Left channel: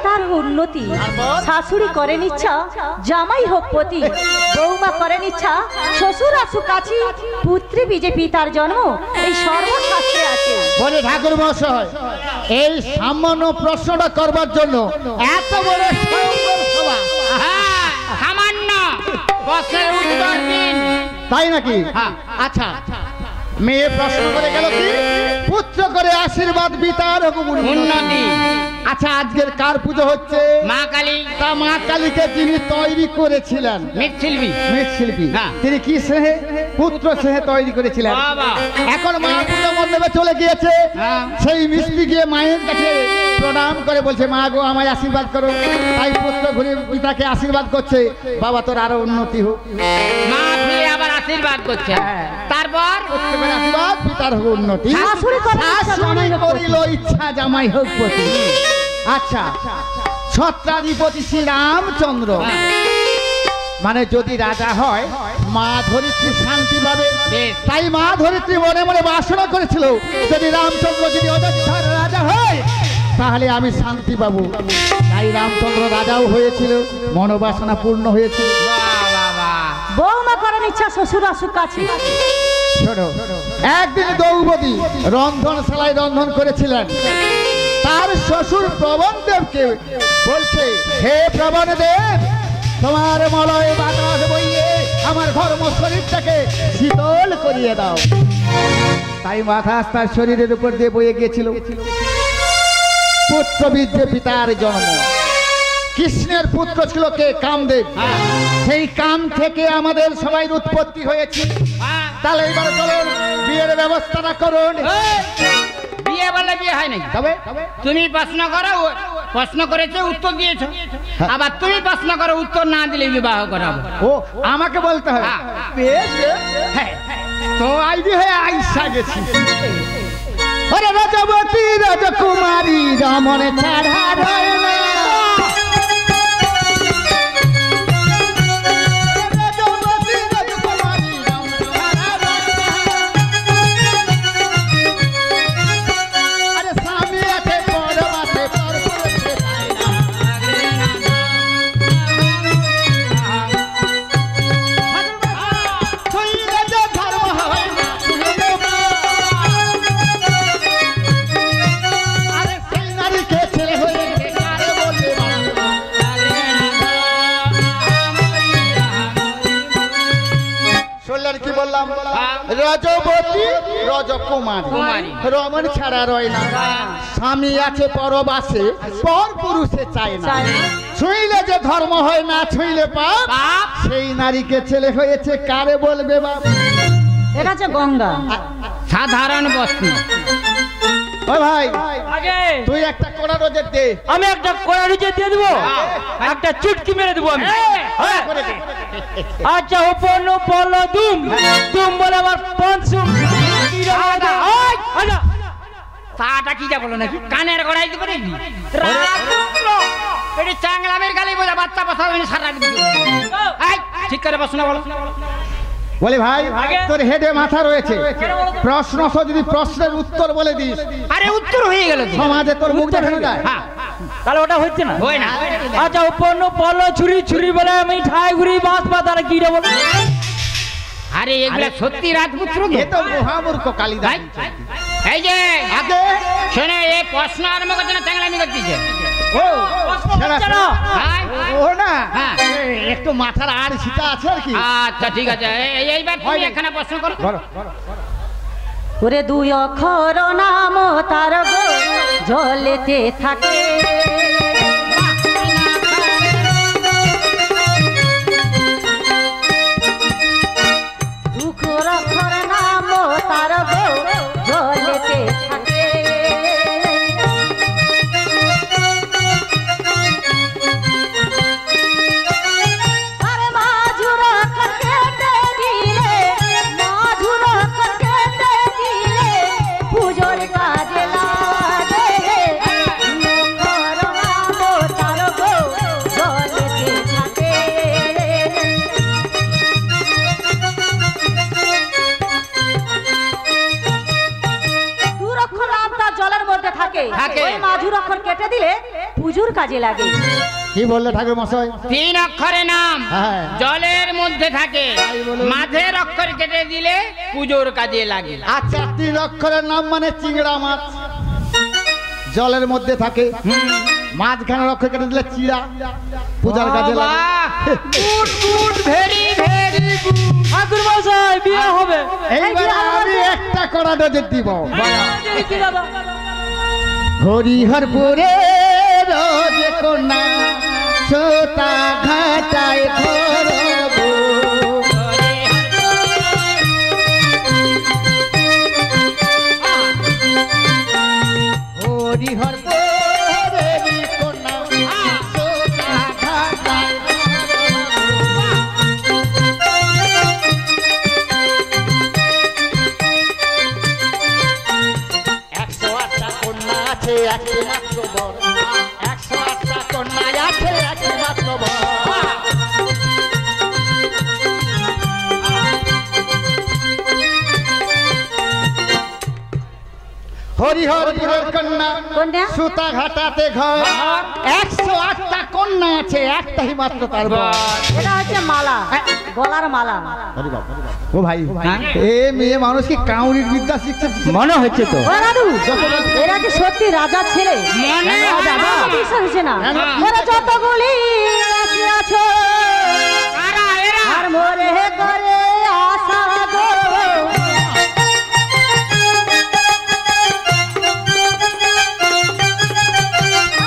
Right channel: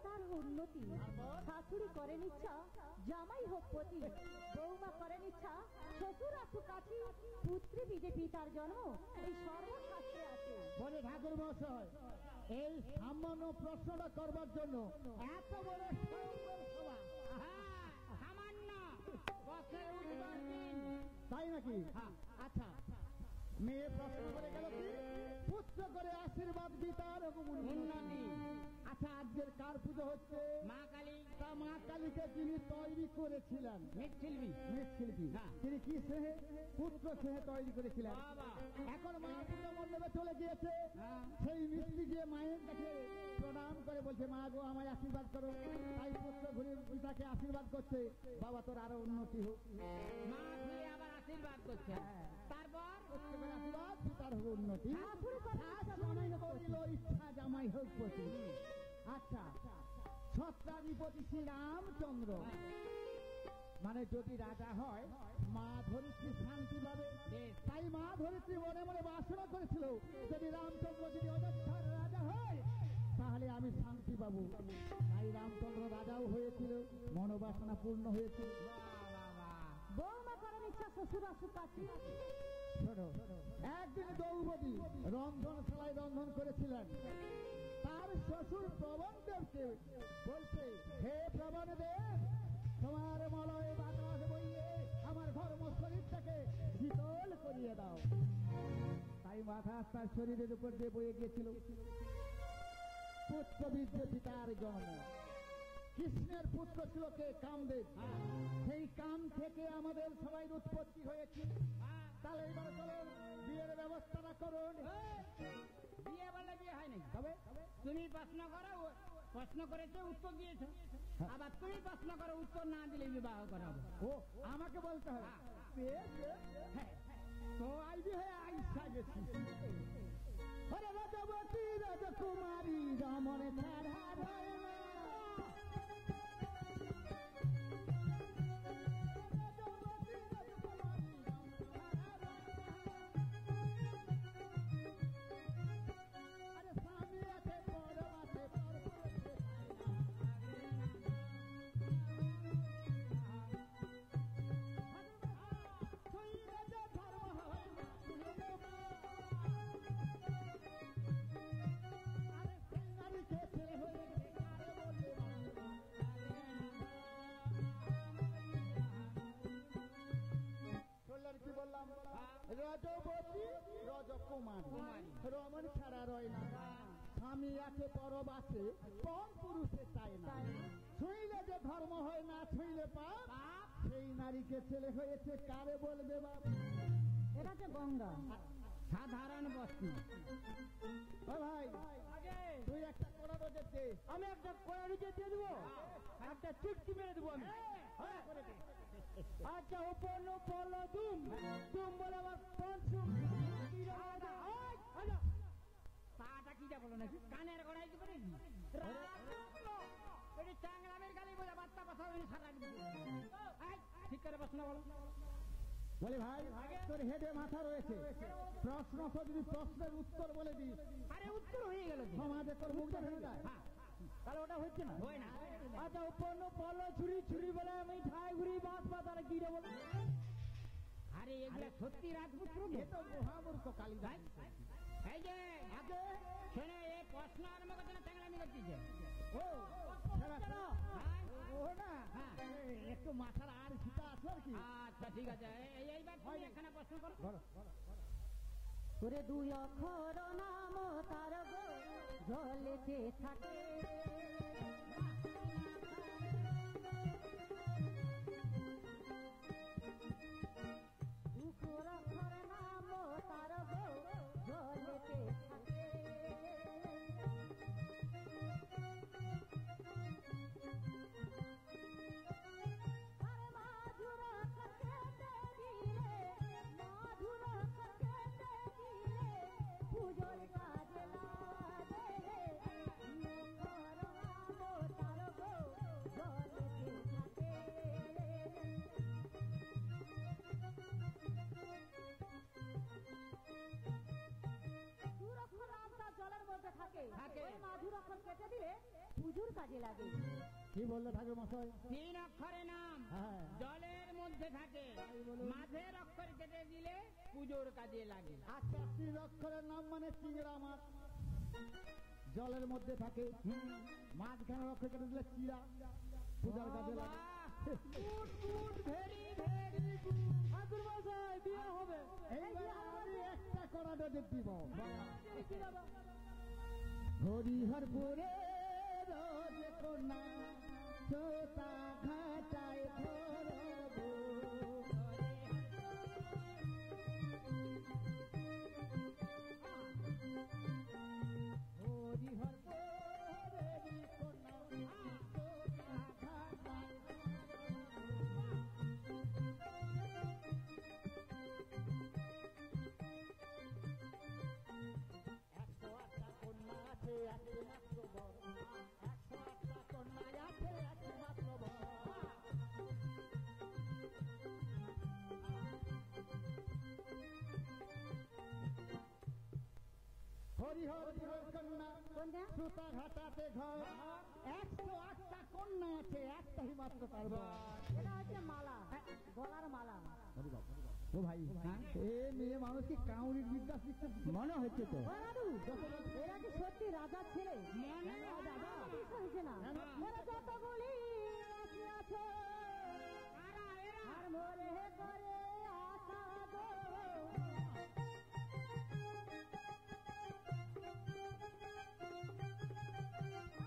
পিতার উন্নতি, শাশুড়ি করেন ইচ্ছা জামাই হোক পতি, বৌমা করেন ইচ্ছা শ্বশুর আসুক কাছি, পুত্রী বীজে পিতার জন্ম এই সর্বশাস্ত্রে আছে। বলে ঠাকুর মশাই, এই সামান্য প্রশ্নটা করবার জন্য এত বড় সভা? সামান্য প্রশ্নের উত্তর দিন। তাই নাকি? আচ্ছা, মেয়ে প্রশ্ন করে গেল কি পুত্র করে আশীর্বাদ পিতার উন্নতি। আচ্ছা, আজকের কার পুজো হচ্ছে? মা কালী। তা মা কালীকে যিনি তৈরি করেছিলেন, মৃৎশিল্পী, মৃৎশিল্পী, তিনি কি স্নেহে? পুত্র স্নেহে তৈরি করেছিলেন। এখন মা পুজো মণ্ডপে চলে গিয়েছে, সেই মিস্ত্রি গিয়ে মায়ের কাছে প্রণাম করে বলছে, মা গো আমায় আশীর্বাদ করো। তাই পুত্র ঘুরে পিতাকে আশীর্বাদ করছে, বাবা তোর আরো উন্নতি হোক। মা ফিরে আবার আশীর্বাদ করছে। তারপর পুত্রের আশীর্বাদ, পিতার হোক উন্নতি। শাশুড়ি করিল ইচ্ছা জামাই হোক পতি। আচ্ছা, ছত্রাধিপতি শ্রী রামচন্দ্র মানে যদি রাজা হয়, মা ধরিত্রী শান্তি পাবে। তাই মা ধরিত্রী মনে মনে বাসনা করেছিল, যদি রামচন্দ্র যদি অযোধ্যার রাজা হয় তাহলে আমি শান্তি পাবো। তাই রামচন্দ্র রাজাও হয়েছিল, মনোবাসনা পূর্ণ হয়েছিল। বৌমা করেন ইচ্ছা শ্বশুর আসুক কাছে। শোনো, একদিন দ্রৌপদী রন্ধনশালায় রন্ধন করেছিলেন। তার শ্বশুর প্রবণদেবকে বলছে, হে প্রবণদেব, তোমার মলয় বাতাস বইয়ে আমার ঘর্ম শরীরটাকে শীতল করিয়ে দাও। তাই বাতাস তার শরীরের উপর দিয়ে বয়ে গিয়েছিল। পুত্র বীর্যে পিতার জন্ম। কৃষ্ণের পুত্র ছিল কে? কামদেব। সেই কাম থেকে আমাদের সবাই উৎপত্তি হয়েছে। তাহলে এবার চলুন বিয়ের ব্যবস্থাটা করুন। বিয়ে বলে বিয়ে হয় নাই। তবে তুমি প্রশ্ন করো, প্রশ্ন করেছো উত্তর দিয়েছো, আবার তুমি প্রশ্ন করো উত্তর না দিলে বিবাহ করাবো। ও আমাকে বলতে হবে? বেশ বেশ, হ্যাঁ, তো আইডি হয়ে আইসা গেছি। ওরে রাজবতী রাজকুমারী রমণে ছাড়া রয় না। কি বললাম? রজবতী রজকুমারী রমণ ছাড়া রয় না। স্বামী আছে পরবাসে, পর পুরুষে চায় না। ছুঁইলে যে ধর্ম হয় না, ছুঁইলে পাপ। সেই নারীকে ছেলে হয়েছে, কারে বলবে বাপ? এটা হচ্ছে গঙ্গা। সাধারণ প্রশ্ন। ও ভাই, আগে তুই একটা কোড়া রোজের দে। আমি একটা কোড়া রোজের দিয়ে দেবো, একটা চুটকি মেরে দেবো আমি। আচ্ছা, ওপন বল দুম দুম বলে আমার পঞ্চম। তাটা কি যা বলো নাকি? কানের গড়াই দিব নাকি? এটি চাংলামের গালি বোঝা, বাচ্চা পাশা সারা ঠিক করে প্রশ্ন বলো। বলি ভাই, তোর হেডে মাথা রয়েছে, প্রশ্ন যদি প্রশ্নের উত্তর বলে দিস। আরে উত্তর হয়ে গেল, সমাজে তোর মুখ দেখানো যায়। তাহলে ওটা হচ্ছে না, হয় না। আচ্ছা, ওপন বল ছুরি ছুরি বলে আমি ঠাই ঘুরি বাঁশ পাতারা কি রে বল? আরে এগুলা সত্যি রাজপুত্র তো? এ তো মহামূর্খ কালিদাস। এই যে আগে শোনে, এই প্রশ্ন আরম্ভ করছে না, চাংলামি করতেছে। ও ও না, হ্যাঁ, একটু মাথার আর সিটা আছে আর কি। আচ্ছা ঠিক আছে, এইবার তুমি এখানে প্রশ্ন করো। ওরে দুই অক্ষর নাম তার গো জলেতে থাকে, দুঃখর অক্ষর নাম তার গো জলেতে থাকে। আরে মাঝুর অক্ষর কেটে দিলে, মাঝুর অক্ষর কেটে দিলে পুজোর কাজে লাগে। অক্ষর নাম তার গো জলেতে থাকে। দুরক্ষর নাম তার জলের মধ্যে থাকে, ওই মাঝুর অক্ষর কেটে দিলে পুজোর কাজে লাগে। কি বললে ঠাকুর মশাই? 3 অক্ষরের নাম, হ্যাঁ। জলের মধ্যে থাকে, মাঝের অক্ষর কেটে দিলে পুজোর কাজে লাগে। আচ্ছা, 3 অক্ষরের নাম মানে চিংড়া মাছ, জলের মধ্যে থাকে, মাঝখানের অক্ষর কেটে দিলে চিড়া, পূজার কাজে লাগে। Good good, very very good. ঠাকুর মশাই বিয়ে হবে। এইবার আমি একটা কড়া ডোজে দিব। কি দাদা? হরিহরপুরে রোজ কন্যা ছোটা ঘাটায় ধরব, হরিহরপুরে কন্যা ছোটা ঘাটায় একটি মাত্র বর, 108টা কন্যা আছে একটি মাত্র বর। হরিহরপুরের কন্যা কন্যা? সুতা ঘাটাতে ঘর, 108টা কন্যা আছে একটাই মাত্র তার বর। এটা হচ্ছে মালা, গলার মালা। ও ভাই, এ মেয়ে মানুষ কি কাউরির বিদ্যা শিখছে মনে হচ্ছে তো। ও দাদু, এরা কি সত্যি রাজা ছেলে? মনে রাজা, হয়। আমার বিশ্বাস হচ্ছে না। হ্যাঁ। ওরা যতগুলি রাশি আছো, কারা এরা? আর মোরে করে আশা গো।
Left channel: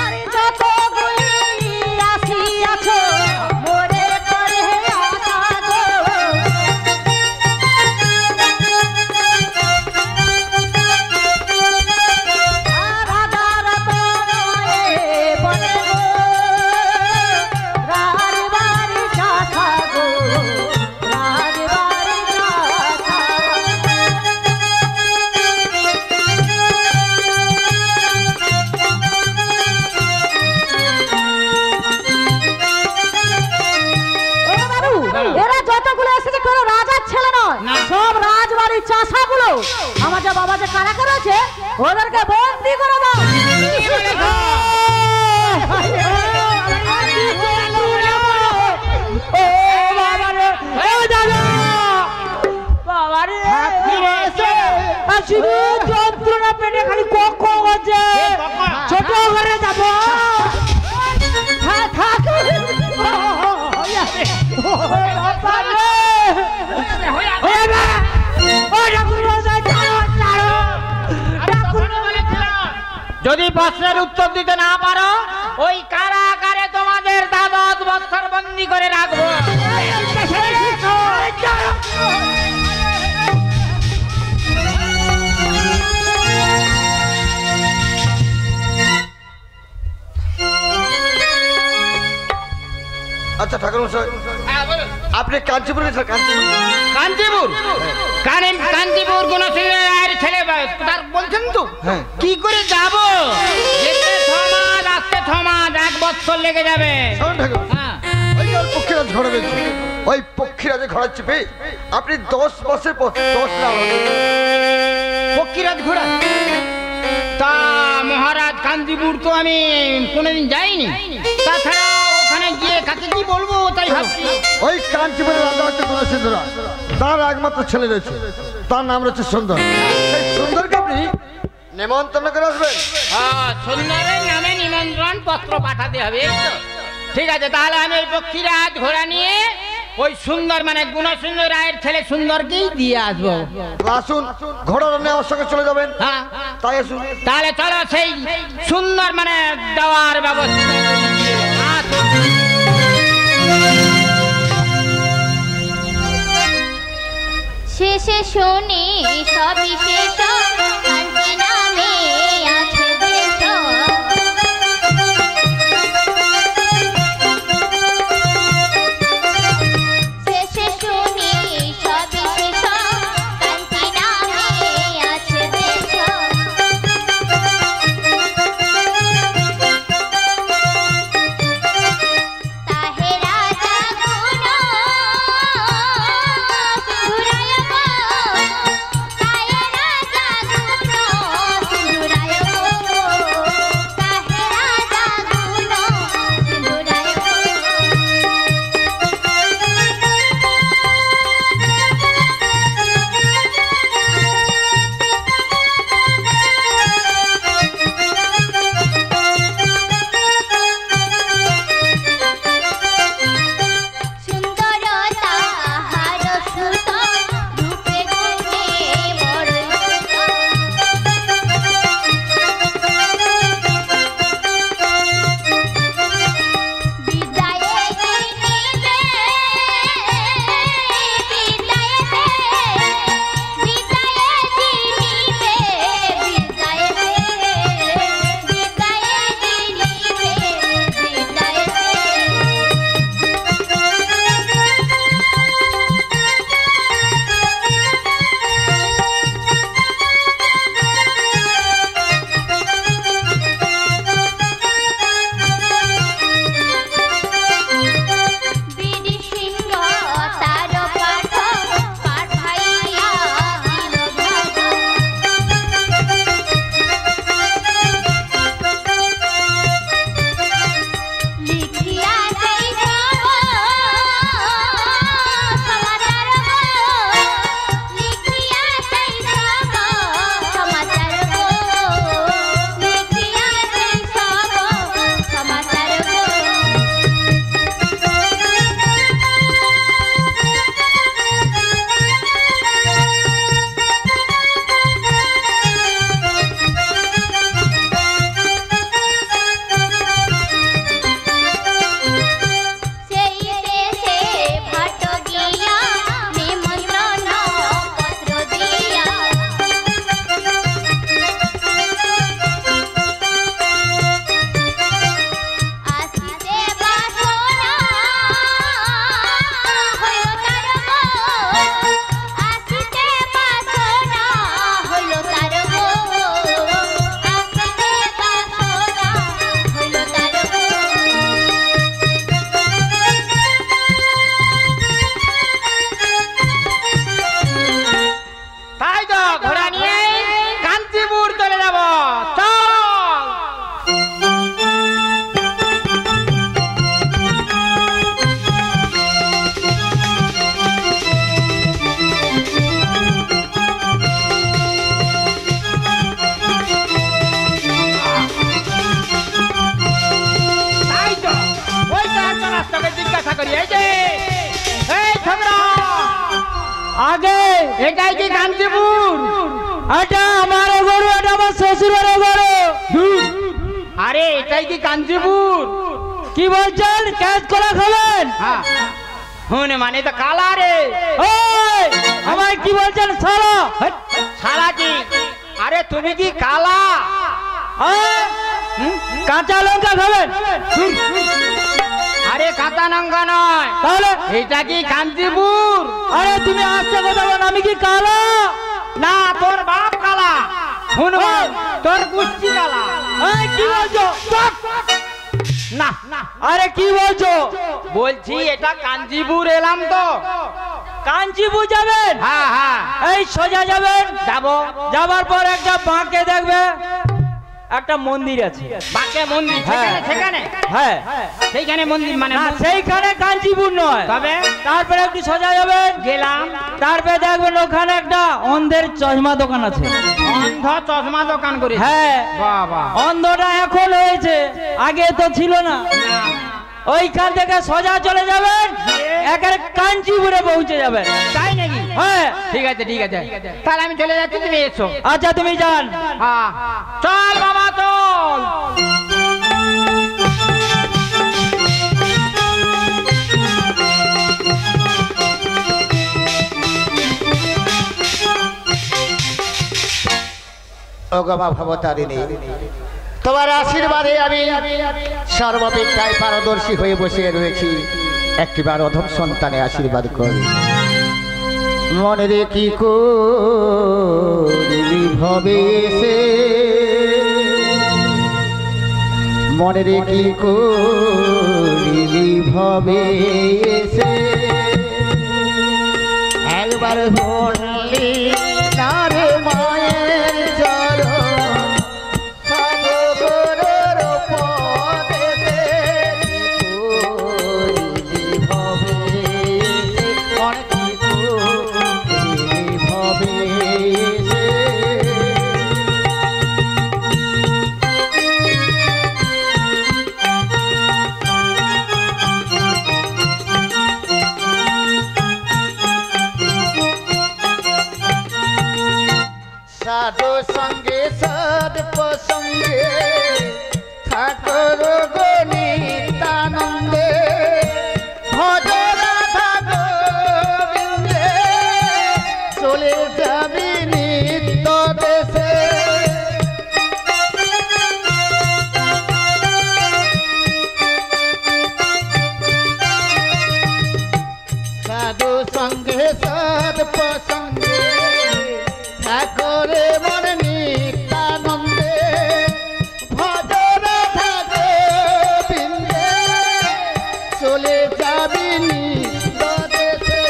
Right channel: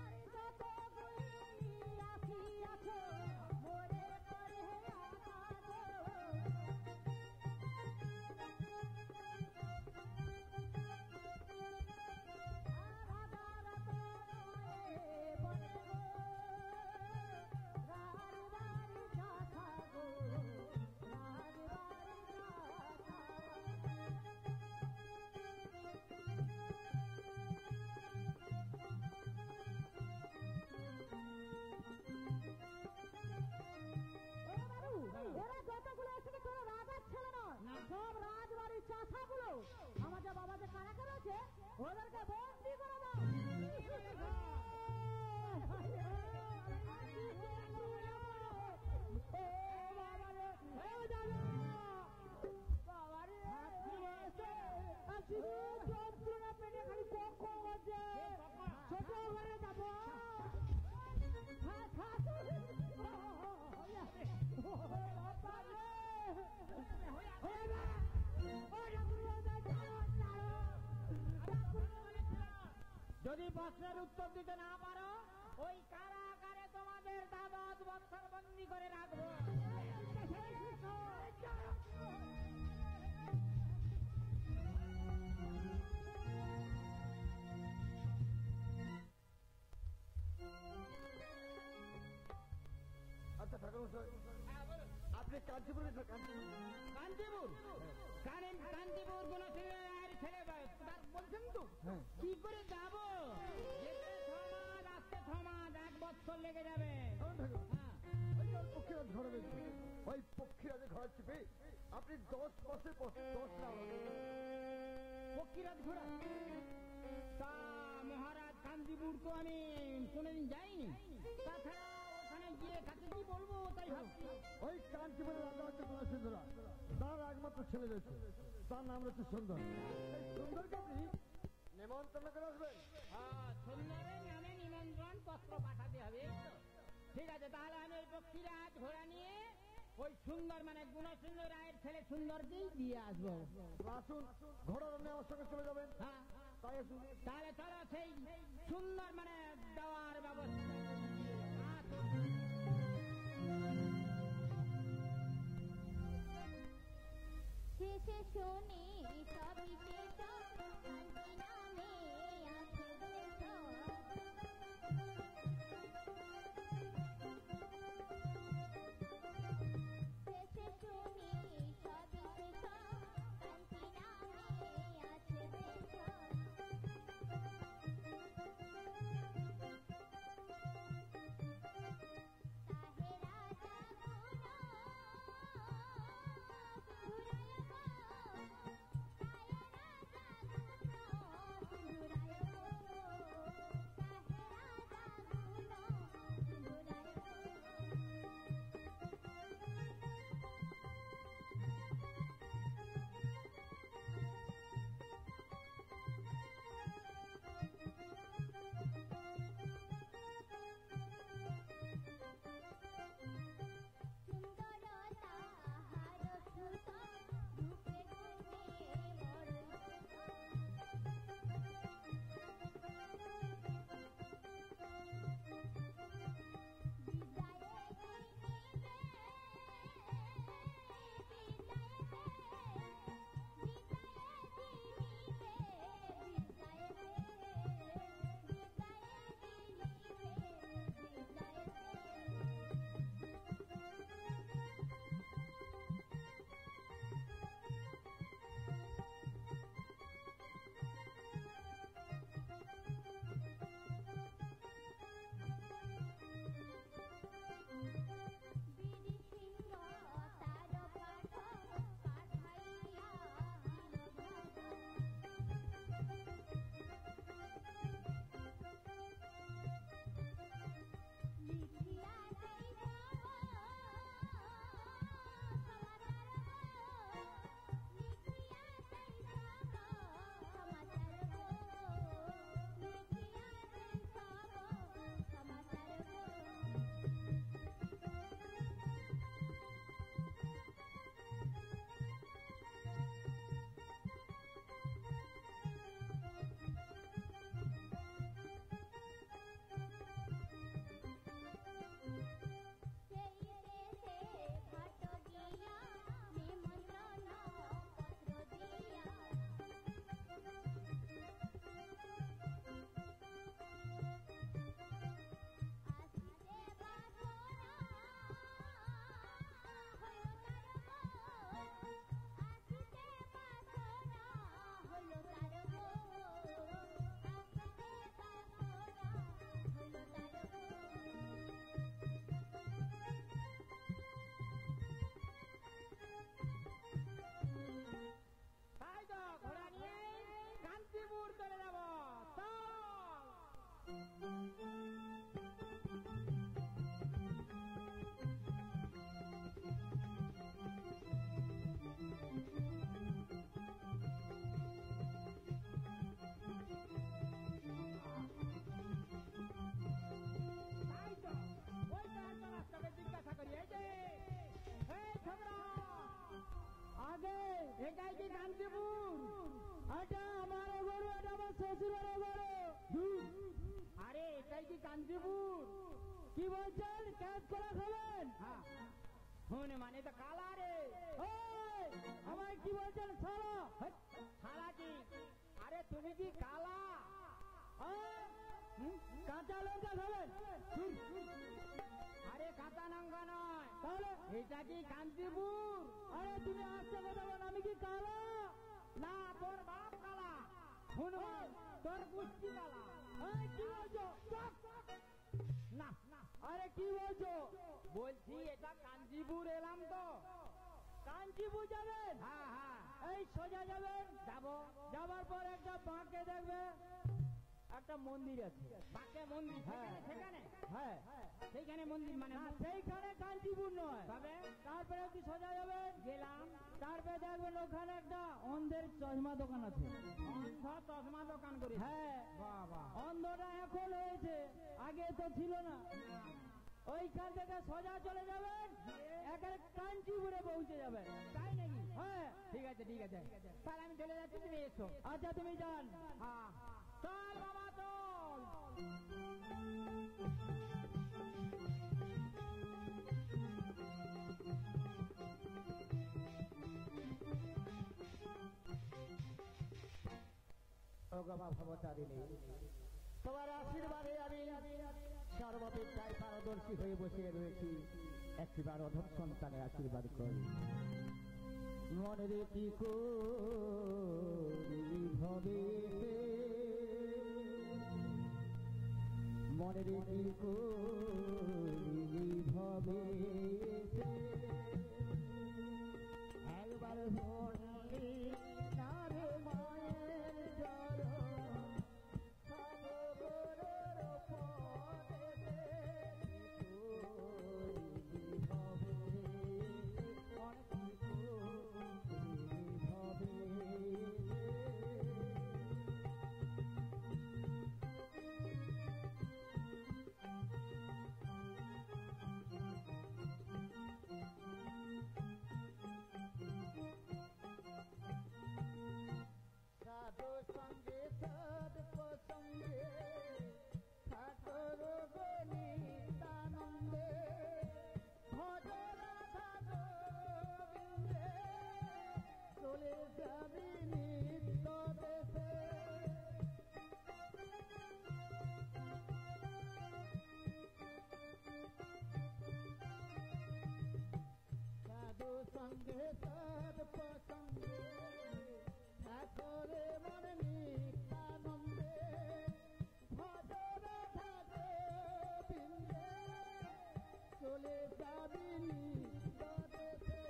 আরে যতগুলি রাশি আছো, মোরে করে আশা গো। এরা যতগুলো এসেছে কোনো রাজার ছেলে নয়, না। সব রাজবাড়ির চাষাগুলো। আমার যা বাবা যে কারা করেছে, ওদেরকে বন্দি করে দাও। ও বাবা রে, ও দাদা, বাবা রে, আর শুধু যন্ত্রণা পেটে খালি কক হচ্ছে। ছোট ঘরে যাবো। যদি প্রশ্নের উত্তর দিতে না পারো, ওই কারাগারে তোমাদের 10 বছর বন্দি করে রাখবো। আচ্ছা ঠাকুর মশাই, হ্যাঁ, বলো। আপনি কাঞ্চিপুর গেছেন? কাঞ্চিপুর, কাঞ্চিপুর গুণসিংহের ছেলে তার বলছেন তো। হ্যাঁ। কি করে যাব? যেতে 6 মাস, আসতে 6 মাস, 1 বছর লেগে যাবে। শোনেন ঠাকুর, হ্যাঁ। ওই যে পক্ষীরাজ ঘোড়া রয়েছে, ওই পক্ষীরাজে ঘোড়া চেপে আপনি 10 বছর পর 10 লাখ পক্ষীরাজ ঘোড়া। তা মহারাজ, কাঞ্চিপুর তো আমি কোনোদিন যাইনি। তাছাড়া ওখানে গিয়ে কাকে কি বলবো তাই ভাবছি। ওই কাঞ্চিপুরের রাজা হচ্ছে গুণসিংহরা, তার একমাত্র ছেলে রয়েছে, তার নাম রয়েছে সুন্দর। সেই সুন্দরকে আপনি নেমন্তন্ন করে আসবেন। সুন্দরের নামে নিমন্ত্রণ পত্র পাঠাতে হবে, এই তো? ঠিক আছে, তাহলে আমি ওই পক্ষীরাজ ঘোড়া নিয়ে ওই সুন্দর মানে গুণসিংহ রায়ের ছেলে সুন্দরকেই দিয়ে আসবো। আসুন, ঘোড়া রান্না আমার সঙ্গে চলে যাবেন। হ্যাঁ, তাই আসুন। তাহলে চলো সেই সুন্দর মানে দেওয়ার ব্যবস্থা। আসুন। শেষে শুনি সবই শেষ, শান্তি নামে আছে দেশ। শেষে শুনি সবই শেষ, শান্তি নামে আছে দেশ। তাহে রাজা গুণ সিন্ধুরায় গো, তাহে রাজা এটাই কি কাঞ্চিপুর? এটা আমার গরু, এটা আমার শ্বশুরের গরু। আরে এটাই কি কাঞ্চিপুর? কি বলছেন? ক্যাচ করা খাবেন? হ্যাঁ হুনে মানে তো কালা রে। ওই আমায় কি বলছেন সারা? সারা কি? আরে তুমি কি কালা? কাঁচা লঙ্কা খাবেন? আরে কাঁচা লঙ্কা নয়, তাহলে এটা কি কাঞ্চিপুর? আরে তুমি আসতে কথা বল, আমি কি কালা? না তোর বাপ কালা, শুনবান তোর কুষ্টি কালা। এই কি বলছো? না আরে কি বলছো? বলছি এটা কাঞ্চিপুর এলাম তো। কাঞ্চিপুর যাবেন? হ্যাঁ হ্যাঁ এই সোজা যাবেন, যাবো। যাবার পর একটা বাঁকে দেখবে একটা মন্দির আছে। বাঁকে মন্দির? সেখানে সেখানে হ্যাঁ সেইখানে মন্দির মানে? না সেইখানে কাঞ্চিপুর নয়। তবে তারপরে একটু সোজা যাবেন, গেলাম, তারপরে দেখবেন ওখানে একটা অন্ধের চশমা দোকান আছে। অন্ধ চশমা দোকান করে? হ্যাঁ বাবা, অন্ধটা এখন হয়েছে, আগে তো ছিল না। ওইখান থেকে সোজা চলে যাবেন, একেবারে কাঞ্চিপুরে পৌঁছে যাবেন। তাই নাকি? হ্যাঁ ঠিক আছে ঠিক আছে, তাহলে আমি চলে যাচ্ছি, তুমি এসো। আচ্ছা তুমি যান। হ্যাঁ চল বাবা চল। ও গো মা ভবতারিণী, তোমার আশীর্বাদে আমি সর্ববিদ্যায় পারদর্শী হয়ে বসে রয়েছি। একটিবার অধম সন্তানে আশীর্বাদ করি। মনে রে কি করিলি ভবে এসে, মনে রে কি করিলি ভবে এসে, একবার বললি না রে মায়ের চরণ, সাগরের পদেতে করিলি ভবে এসে, মনে কি করিলি ভবে এসে। সাধু সঙ্গে সদ প্রসঙ্গে ঠাকুর গণিতানন্দে, ভজ রাধা গোবিন্দে, চলে যাবি নিত্য দেশে। সাধু সঙ্গে সদ প্রসঙ্গে ঠাকুরে মন নিত্যানন্দে, ভজ রাধা গোবিন্দে, চলে যাবি নিত্য দেশে।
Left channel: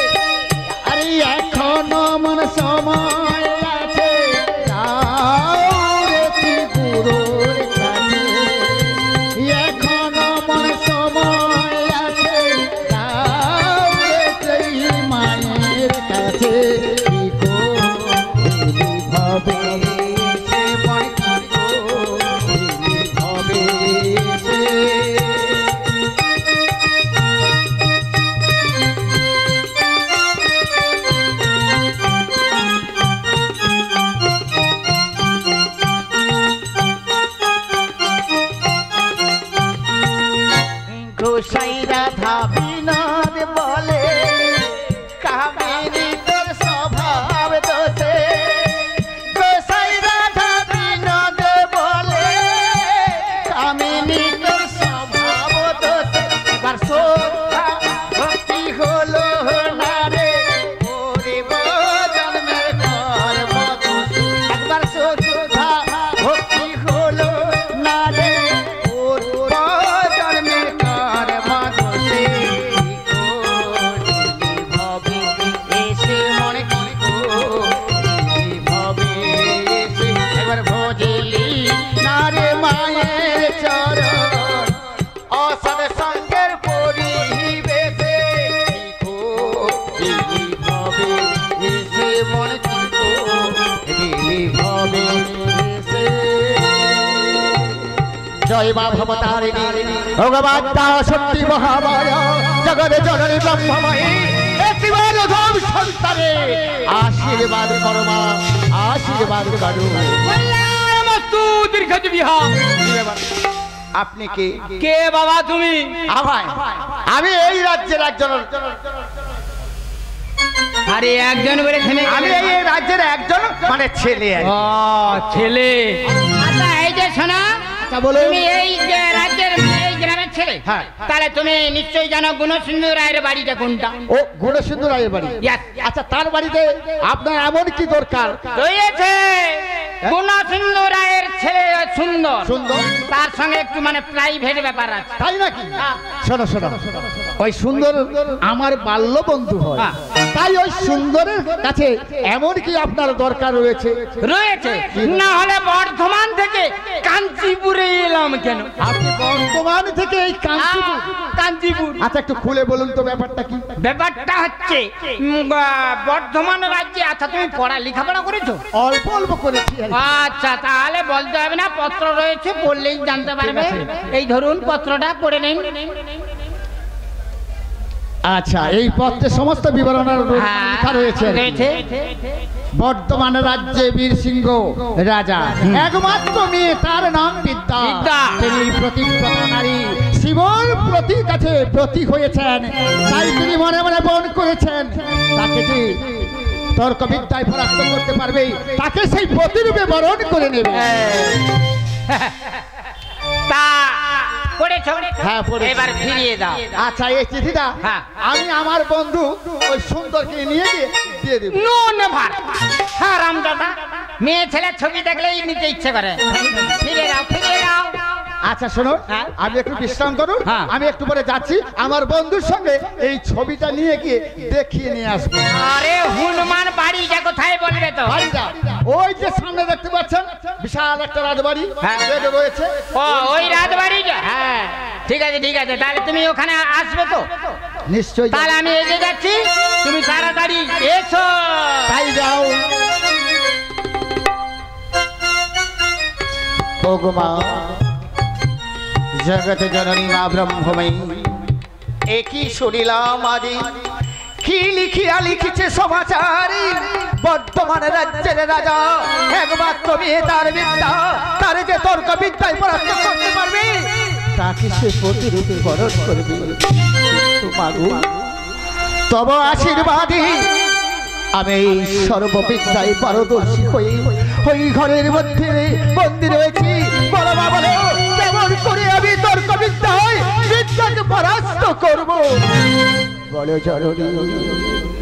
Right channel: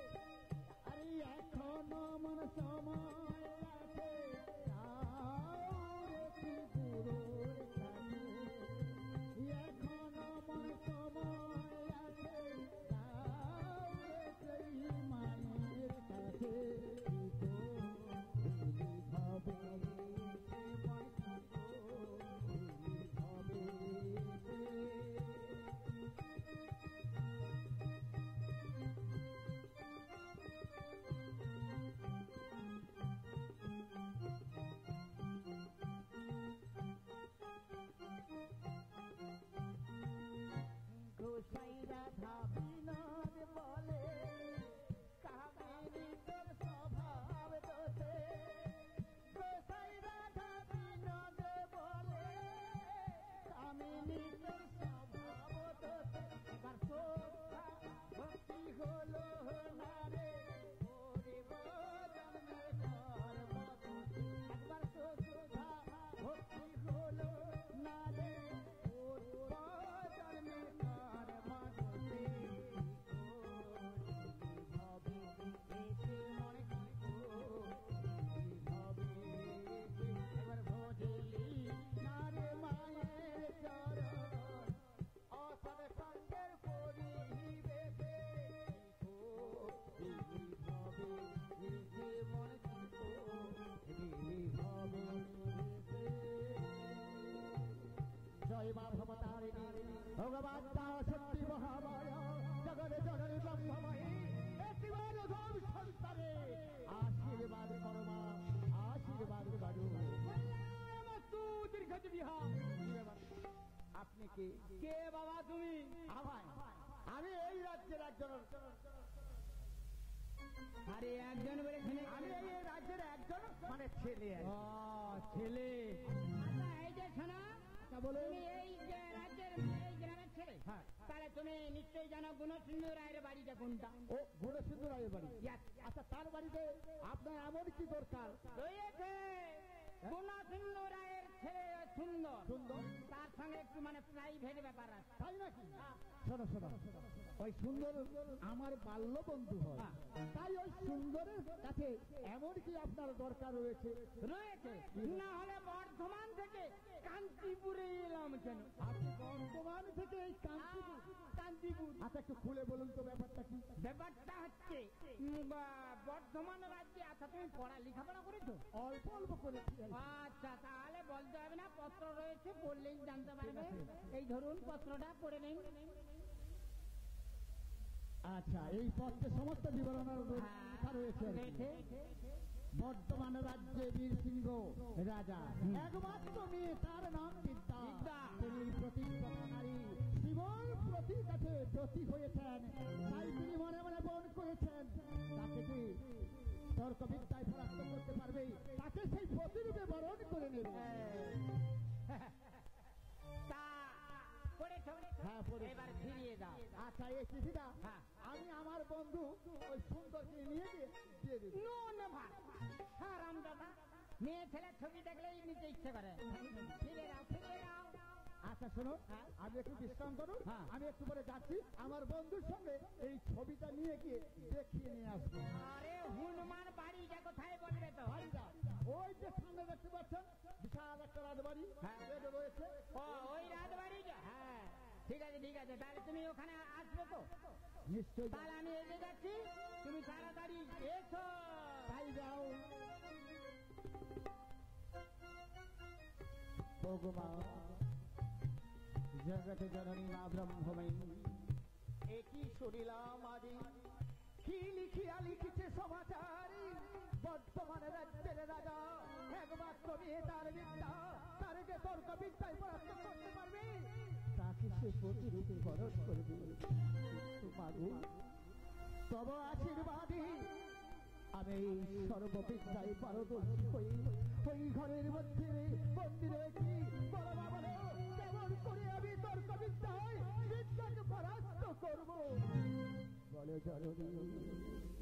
আরে এখনো মন সময় আছে, যাও রে ত্রিপুরের কাছে। এখনো মন সময় আছে, যাও রে সেই মায়ের কাছে। কি করিলি ভবে সে, মন কি করিলি ভবে সে। গোসাই রাধা বিনোদ বলে, কামিনী তোর স্বভাব দোষে। গোসাই রাধা বিনোদ বলে, কামিনী তোর স্বভাব দোষে। এবার শ্রদ্ধা ভক্তি হলো না রে, গরিব জন্মের কর্ম দোষে। একবার শ্রদ্ধা ভক্তি হলো না রে, গরিব জন্মের কর্ম দোষে। কি করিলি ভবে এসে, মনে কি করিলি ভবে এসে। এবার ভজিলি না রে মায়ের চরণ, অসৎ সঙ্গের পরিবেশে। কি করিলি ভবে এসে, মনে কি করিলি ভবে এসে। জয় মা ভবতারিণী, ভগবতা শক্তি মহামায়া, জগৎ জননী ব্রহ্মময়ী, একটিবার অধম সন্তানে আশীর্বাদ করো মা, আশীর্বাদ করো। আপনি কে? কে বাবা তুমি? আমি এই রাজ্যের একজন, আরে একজন বলে থেমে আমি এই রাজ্যের একজন মানে ছেলে। ছেলে? আচ্ছা এই যে শোনা, বলো। তুমি এই যে রাজ্যের এই গ্রামের ছেলে, হ্যাঁ। তাহলে তুমি নিশ্চয়ই জানো গুণসিন্ধু রায়ের বাড়িটা কোনটা? ও গুণসিন্ধু রায়ের বাড়ি। Yes. আচ্ছা তার বাড়িতে আপনার এমন কি দরকার? রয়েছে গুণসিন্ধু রায়ের ছেলে সুন্দর, সুন্দর, তার সঙ্গে একটু মানে প্রাইভেট ব্যাপার আছে। তাই নাকি? শোনো শোনো, ওই সুন্দর আমার বাল্য বন্ধু হয়, তাই ওই সুন্দরের কাছে এমন কি আপনার দরকার রয়েছে? রয়েছে, না হলে বর্ধমান থেকে কাঞ্চিপুরে এলাম কেন? আপনি বর্ধমান থেকে এই কাঞ্চিপুর? কাঞ্চিপুর। আচ্ছা একটু খুলে বলুন তো ব্যাপারটা কি? ব্যাপারটা হচ্ছে বর্ধমান রাজ্যে। আচ্ছা তুমি পড়া লেখাপড়া করেছো? অল্প অল্প করেছি আর কি। আচ্ছা তাহলে বলতে হবে না, পত্র রয়েছে, পড়লেই জানতে পারবে। এই ধরুন পত্রটা পড়ে নিন। আচ্ছা এই পত্রে সমস্ত বিবরণ লেখা রয়েছে। বর্তমান রাজ্যে বীর সিংহ রাজা, একমাত্র মেয়ে, তার নাম বিদ্যা। তিনি প্রতিব্রতা নারী, শিবর প্রতি কাছে প্রতীক হয়েছেন, তাই তিনি মনে মনে বন করেছেন তাকে যে তর্ক বিদ্যায় পরাস্ত করতে পারবে তাকে সেই প্রতিরূপে বরণ করে নেবে। তা পড়েছো? হ্যাঁ, পড়েছি। এবার ফিরিয়ে দাও। আচ্ছা এই চিঠিটা হ্যাঁ। আমি আমার বন্ধু ওই সুন্দরকে নিয়ে গিয়ে দিয়ে দেব। No never. হ্যাঁ রামদাদা, মেয়ে ছেলে ছবি দেখলেই নিতে ইচ্ছে করে। ফিরে দাও, ফিরে দাও। আচ্ছা শোনো, হ্যাঁ। আমি একটু বিশ্রাম করুন, হ্যাঁ। আমি একটু পরে যাচ্ছি, আমার বন্ধুর সঙ্গে এই ছবিটা নিয়ে গিয়ে দেখিয়ে নিয়ে আসবো। আরে হনুমান বাড়িটা কোথায় বলবে তো? বাড়িটা ওই যে সামনে দেখতে পাচ্ছেন, বিশাল একটা রাজবাড়ি হ্যাঁ। রয়েছে। ও ওই রাজবাড়িটা? হ্যাঁ ঠিক আছে ঠিক আছে, তাহলে তুমি ওখানে আসবে তো? নিশ্চয়ই তাহলে আমি এগিয়ে যাচ্ছি, তুমি তাড়াতাড়ি এসো। তাই যাও। ভগমা জগৎ জননী মা ব্রহ্মময়ী, একই শুনিলাম আদি কি লিখিয়া লিখিছে সমাচারী, বর্তমান রাজ্যের রাজা একমাত্র মেয়ে, তার বিদ্যা, তার যে তর্ক বিদ্যায় পরাস্ত করতে পারবে তাকে সে প্রতিরূপে বরণ করবে। মাগো তব আশীর্বাদী আমি এই সর্ববিদ্যায় পারদর্শী হয়ে ওই ঘরের মধ্যে বন্দী রয়েছি। বলো মা বলো, কেমন করে আমি তর্ক বিদ্যায় বিদ্যাকে পরাস্ত করব? বলো জননী,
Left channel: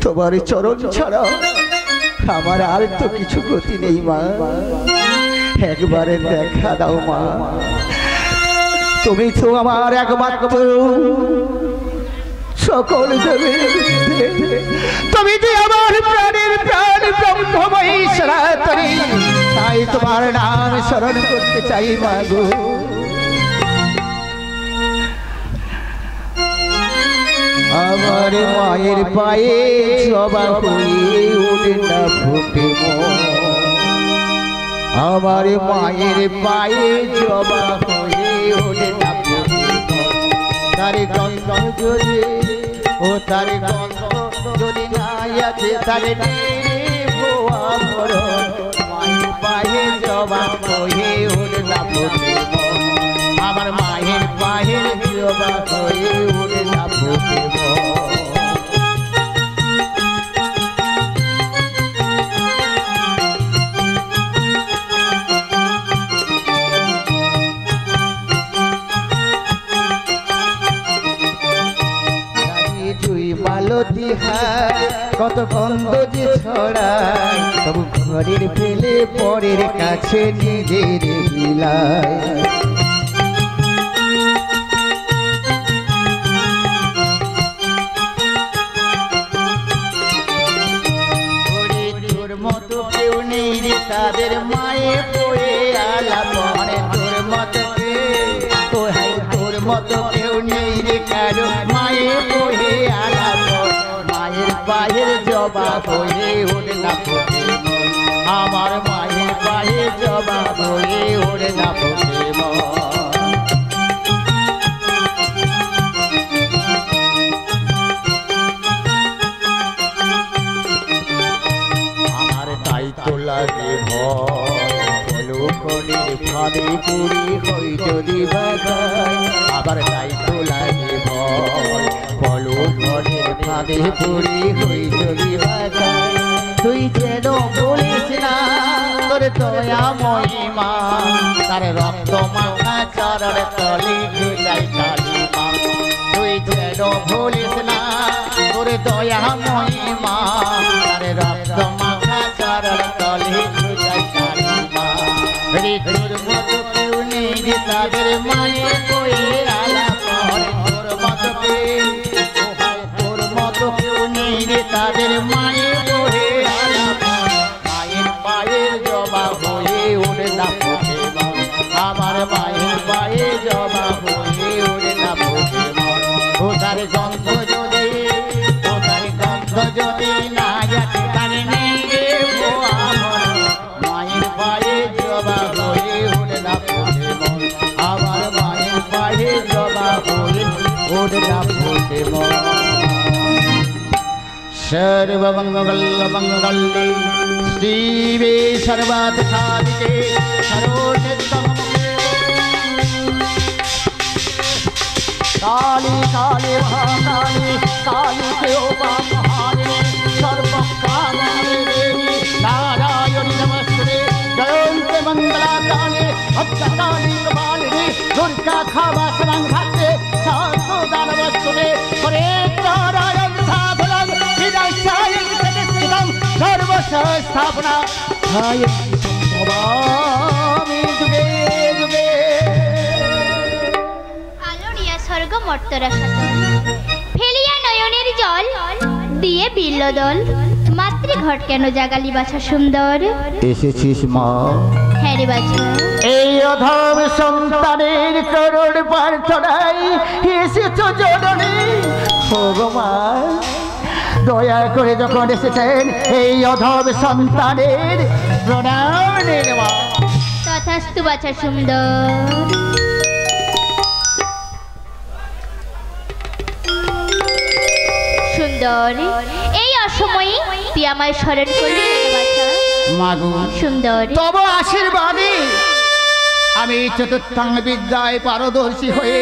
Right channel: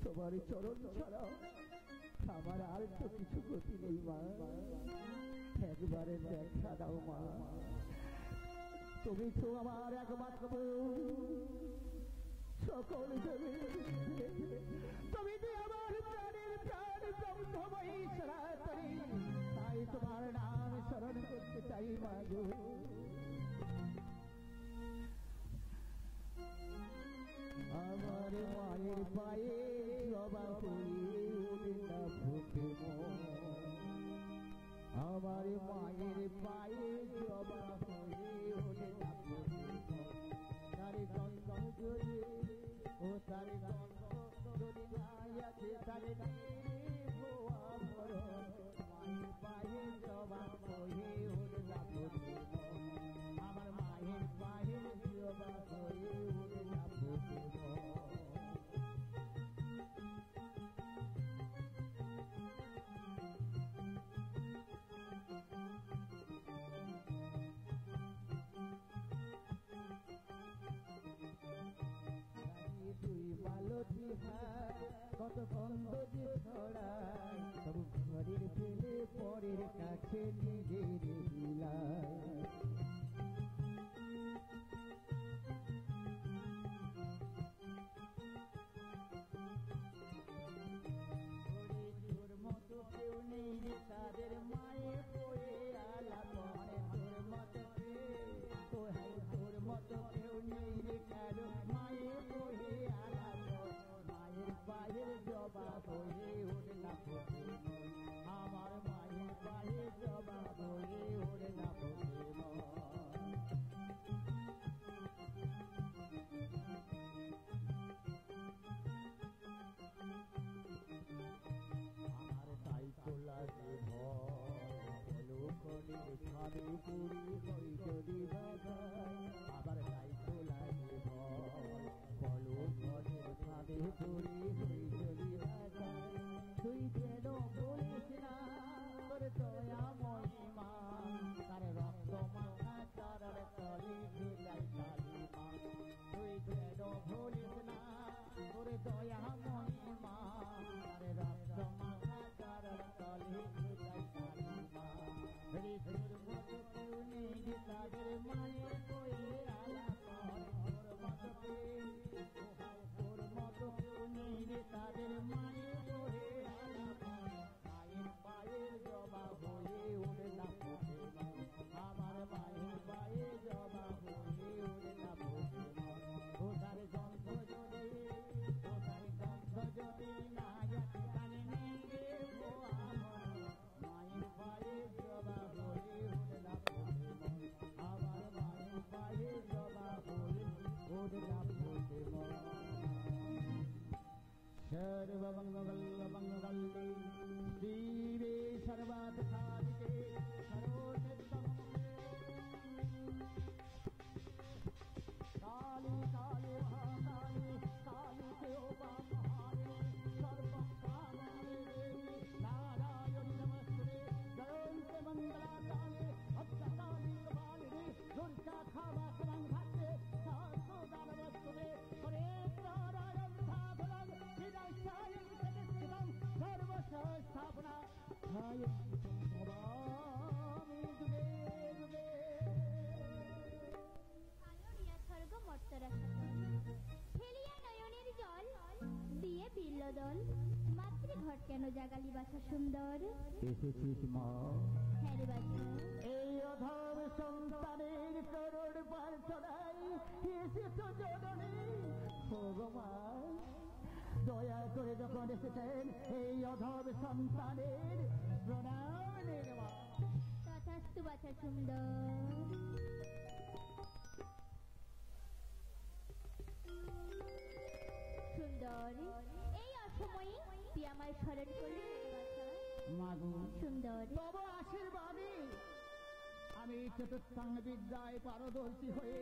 তোমার চরণ ছাড়া আমার আর তো কিছু গতি নেই মা, একবারে দেখা দাও মা, তুমি তো আমার একমাত্র সকল দেবে, তুমি যে আমার প্রাণের প্রাণ ব্রহ্মময়ী সনাতনী, তাই তোমার নাম স্মরণ করতে চাই মা গো। আমার মায়ের পায়ে জবা হয়ে ওঠে না ফুটে মন, আমার মায়ের পায়ে জবা হয়ে ওঠে না ফুটে মন, তার গন্ধ যদি ও তার গন্ধ যদি নাই আছে তার মায়ের পায়ে জবা হয়ে ওঠে না ফুটে মন, আমার মায়ের পায়ে জবা হয়ে ওঠে না ফুটে মন। কত গন্ধ যে ছড়ায়, তবু ঘরের ফেলে পরের কাছে নিজের বিলায়, তোর মতো কেউ নেই রে তাদের মায়ে পড়ে আলাপ, তোর মতো তোর মতো কেউ নেই রে কারো মায়ে পড়ে আলাপ, মায়ের পায়ের জবা হয়ে ওঠে না ফুটে মন, আমার মায়ের পায়ে জবা হয়ে ওঠে না ফুটে মন। ফাঁদে পড়ে হই যদি বাগাই আবার তাই তো লাগে ভয় বলো ঘরের ফাঁদে পড়ে হই যদি বাগাই তুই যেন বলিস না তোর দয়া মহিমা তার রক্ত মাখা চরণ তলে গুলাই কালী মা তুই যেন বলিস না তোর দয়া মহিমা তার রক্ত মাখা চরণ তলে গুলাই কালী মা তোর মতো কেউ নেই যে তাদের মায়ের বইয়ে আলাপ করে তোর মতো কেউ তোর মতো কেউ নেই যে তাদের মায়ের বইয়ে আলাপ মায়ের পায়ের জবা হয়ে ওরে না ফোটে মন আমার মায়ের পায়ে জবা হয়ে ওরে না ফোটে মন ওটার গন্ধ যদি না যাতে তার নেই রে আমার মায়ের পায়ে জবা হয়ে ওরে না ফোটে মন আমার মায়ের পায়ে জবা হয়ে ওরে না ফোটে মন सर्वमंगलमंगले श्रीवे सर्वार्थसाधिके सर्वोत्तममुखे काली काली महाकाली काली केयोपामहारिणे सर्वकामानि देवी नारायणि नमस्ते जयन्ते मंगलाकाले भद्रकाली कपालिनी दुर्गा क्षमा शरणघाते शान्तदानवस्तुते हरे नारायण साधनं सर्वसंस्थापना আলোড়িয়া স্বর্গ মর্তরা সাতল ফেলিয়া নয়নের জল দিয়ে বিল্লদল মাতৃঘট কেন জাগালি বাছা সুন্দর এসেছিস মা হ্যাঁ রে বাছা এই অধম সন্তানের করুণ প্রার্থনায় এসেছো জননী ভগবান দয়া করে যখন এসেছেন এই অধম সন্তানের প্রণাম নেওয়া তথাস্তু বাছা সুন্দর সুন্দর এই অসময়ে তুই আমায় স্মরণ করলি কেন বাছা মাগো সুন্দর তব আশীর্বাদে আমি চতুর্থাঙ্গ বিদ্যায় পারদর্শী হয়ে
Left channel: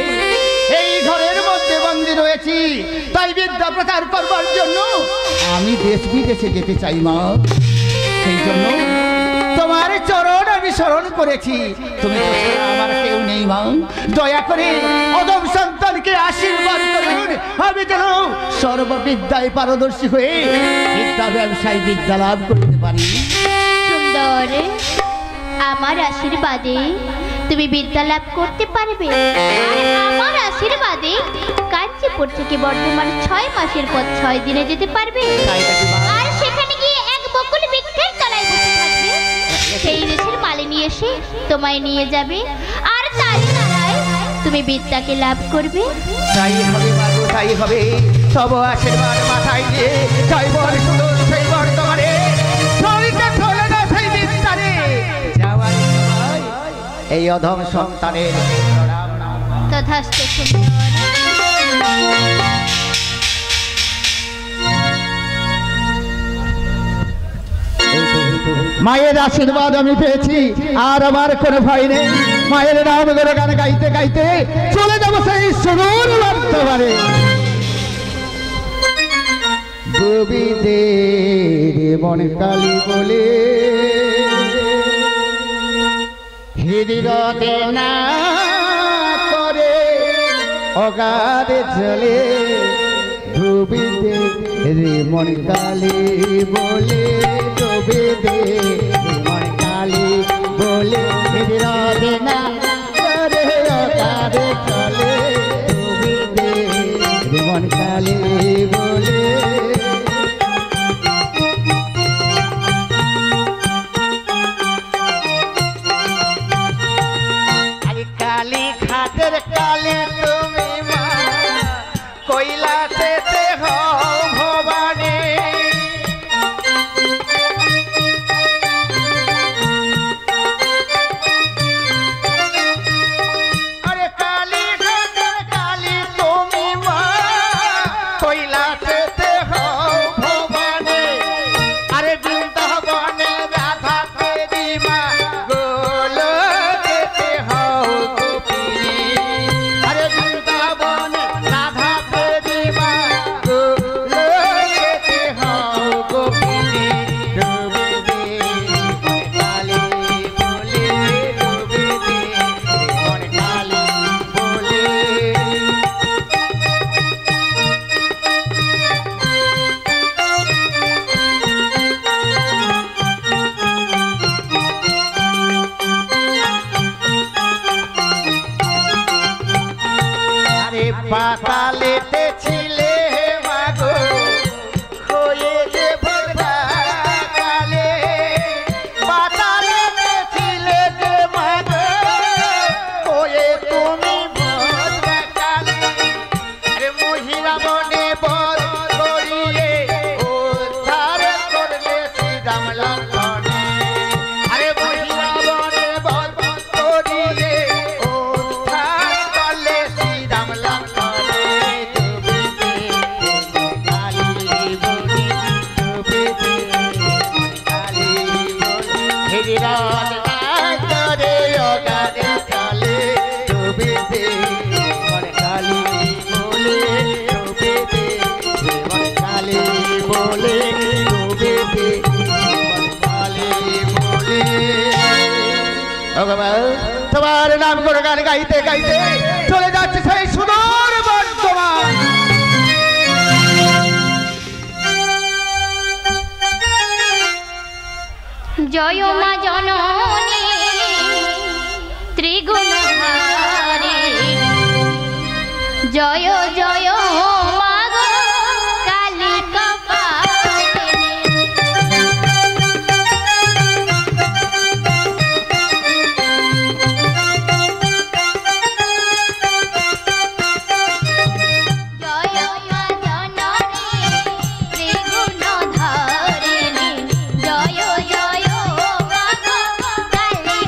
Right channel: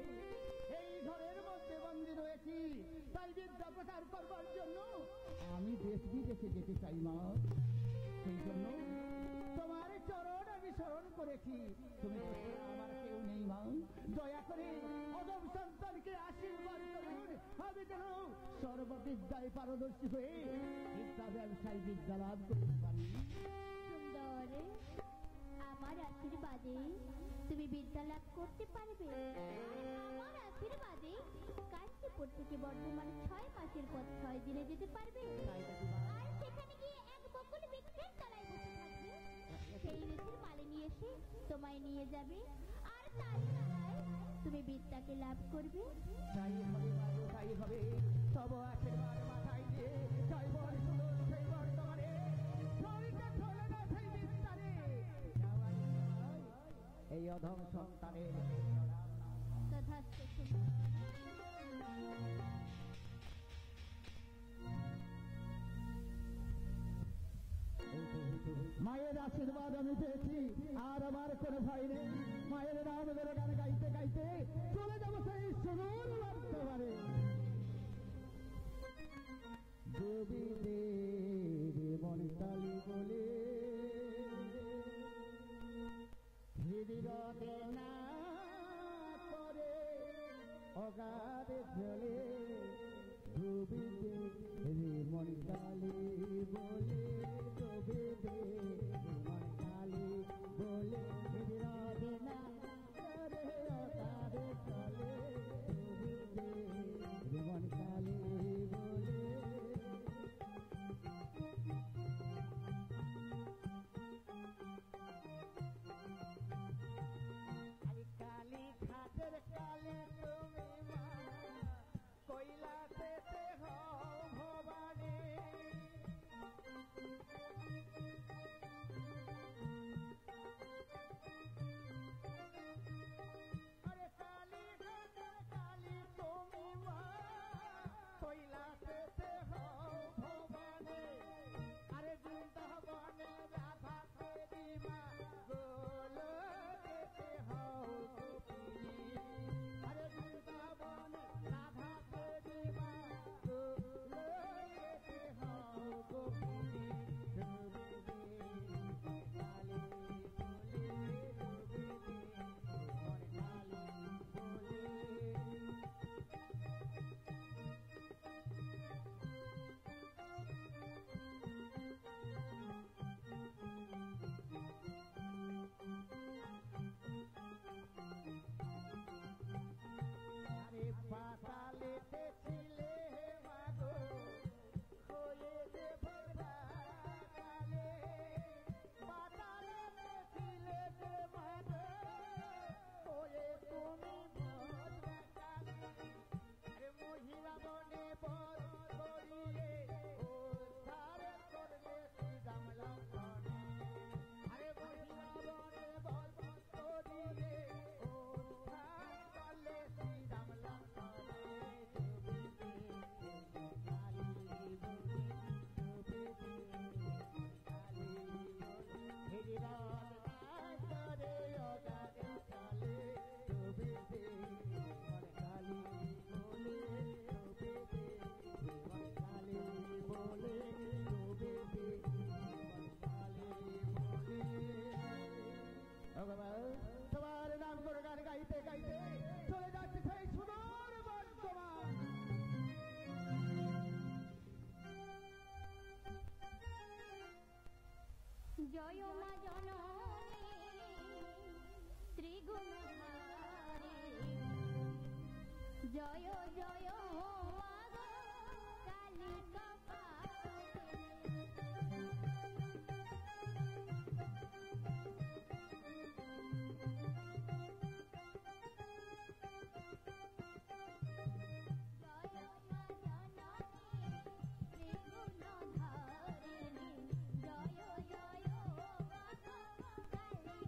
এই ঘরের মধ্যে বন্দী রয়েছি তাই বিদ্যা প্রচার করবার জন্য আমি দেশ বিদেশে যেতে চাই মা সেই জন্য তোমার চরণ আমি স্মরণ করেছি তুমি তো ছাড়া আমার কেউ নেই মা দয়া করে অদম সন্তানকে আশীর্বাদ করুন আমি যেন সর্ববিদ্যায় পারদর্শী হয়ে বিদ্যা ব্যবসায় বিদ্যা লাভ করতে পারি সুন্দর আমার আশীর্বাদে তুমি বিদ্যা লাভ করতে পারবে আর আমার আশীর্বাদে কাঞ্চিপুর থেকে বর্ধমান 6 মাসের পর 6 দিনে যেতে পারবে আর সেখানে গিয়ে এক বকুল বৃক্ষের তলায় বসে থাকবে সেই দেশের মালিনী এসে তোমায় নিয়ে যাবে আর তার দ্বারাই তুমি বিদ্যাকে লাভ করবে তাই হবে মাগো তাই হবে তব আশীর্বাদ মাথায় দিয়ে জয়বর সুদূর সেইবর তোমারে চলিতে চলে না সেই বিস্তারে যাওয়ার সময় এই অধম সন্তানের প্রণাম নাও তথাস্তু সুন্দর মায়ের আশীর্বাদ আমি পেয়েছি আর আমার কোনো ভয় নেই মায়ের নাম করে গান গাইতে গাইতে চলে যাবো সেই সুদূর বর্তমানে গোবিন্দের মন কালী বলে হৃদয়তে না করে অগাধে চলে গোবিন্দের মন কালী বলে গোবিন্দের মন কালী বলে হৃদয়তে না করে অগাধে চলে গোবিন্দের মন কালী বলে কালী খাতের কালী তুমি মা কৈলাসে হও ভবানী আরে কালী খাতের কালী তুমি মা কৈলাসে হও ভবানী আরে বৃন্দাবনে রাধা দেবী মা গোলকে পাতালেতে ছিলে মাগো হয়ে যে ভোলা কালে পাতালেতে ছিলে যে মাগো হয়ে তুমি ভোলা কালে আরে মহিলা বনে বল করিয়ে উদ্ধার করলে শ্রীরাম লক্ষণে আরে মহিলা বনে বল করিয়ে উদ্ধার করলে শ্রীরাম লক্ষণে তোমার নাম করে গান গাইতে গাইতে চলে যাচ্ছে সেই সুদূর বর্তমান জয় মা জননী ত্রিগুণধারী জয় জয় মা গো কালী কপালিনী জয় মা জননী ত্রিগুণধারিণী জয় জয় মা গো কালী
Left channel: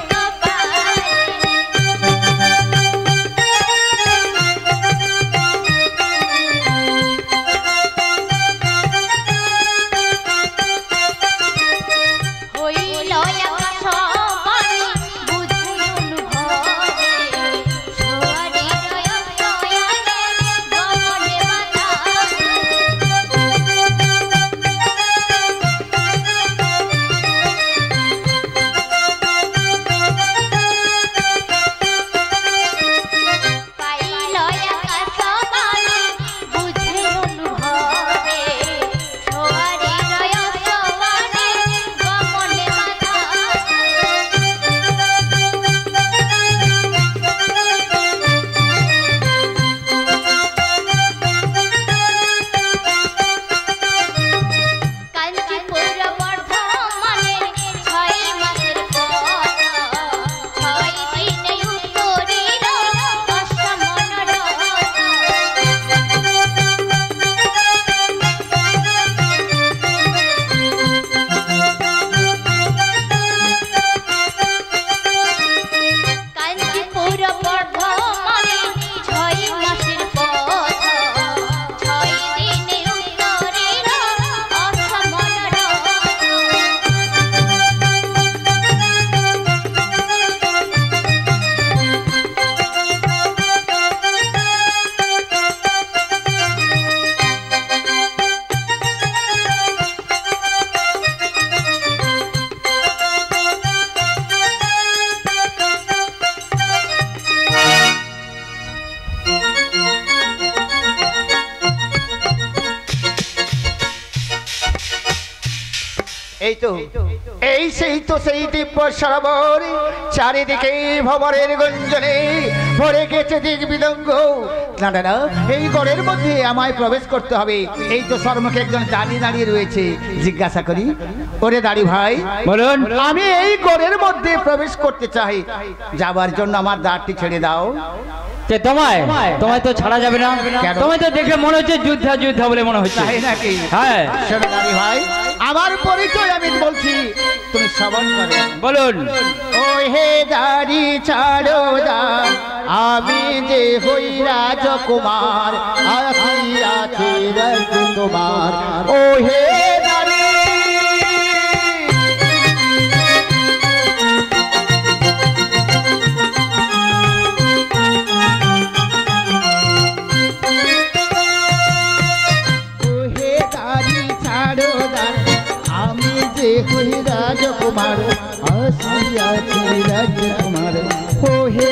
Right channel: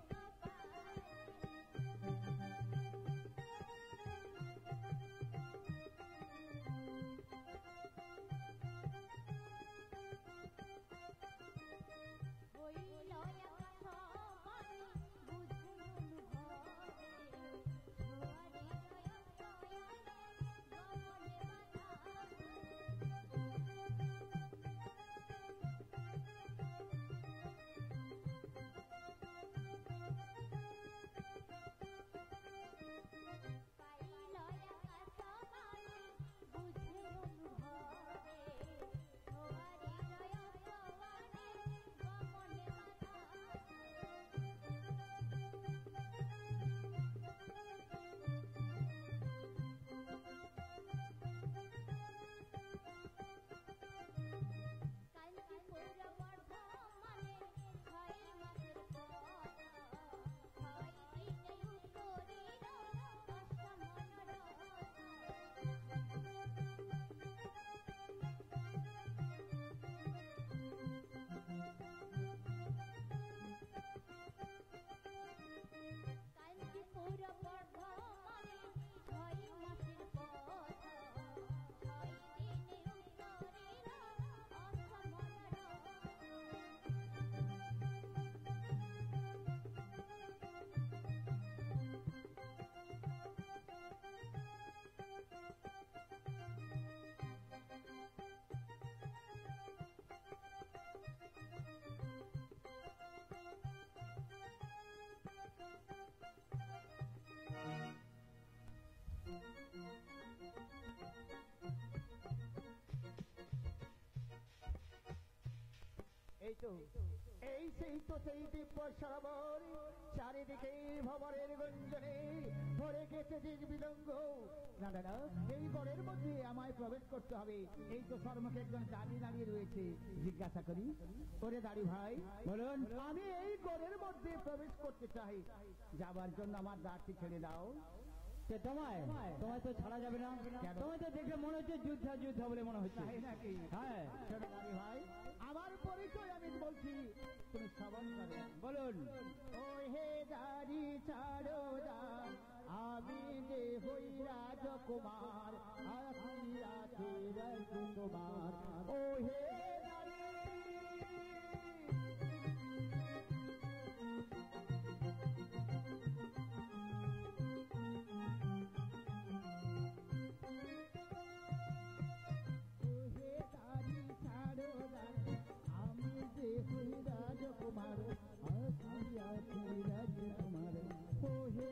হইল আকাশ বাণী বুঝুন ভবে সোয়ারি জয় সয়ানে গমনে বাধা পাইল আকাশ বাণী বুঝুন ভবে সোয়ারি জয় সয়ানে গমনে বাধা কাঞ্চীপুর বর্ধমানে 6 মাসের পথ 6 দিনে উত্তরীর অসমন রথ কাঞ্চীপুর বর্ধমানে 6 মাসের পথ 6 দিনে উত্তরীর অসমন রথ এই তো সেই দিব্য সরোবর চারিদিকে ভবরের গুঞ্জনে ভরে গেছে দিক বিদঙ্গ না না না এই গড়ের মধ্যে আমায় প্রবেশ করতে হবে এই তো সর্বমুখে একজন দাঁড়িয়ে দাঁড়িয়ে রয়েছে জিজ্ঞাসা করি ওরে দাঁড়ি ভাই বলুন আমি এই গড়ের মধ্যে প্রবেশ করতে চাই যাবার জন্য আমার দ্বারটি ছেড়ে দাও যে তোমায় তো ছাড়া যাবে না কেন? তোমায় তো দেখে মনে হচ্ছে যুদ্ধ বলে মনে হচ্ছে তাই নাকি হ্যাঁ শোনো দাঁড়ি ভাই আমার পরিচয় আমি বলছি তুমি শ্রবণ করো বলুন ও হে দাড়ি ছাড়ো দান আমি যে হই রাজকুমার আসিয়াছি রাজকুমার ও হে দাড়ি ও হে দাড়ি ছাড়ো দান আমি যে হই রাজকুমার আসিয়াছি রাজকুমার ও হে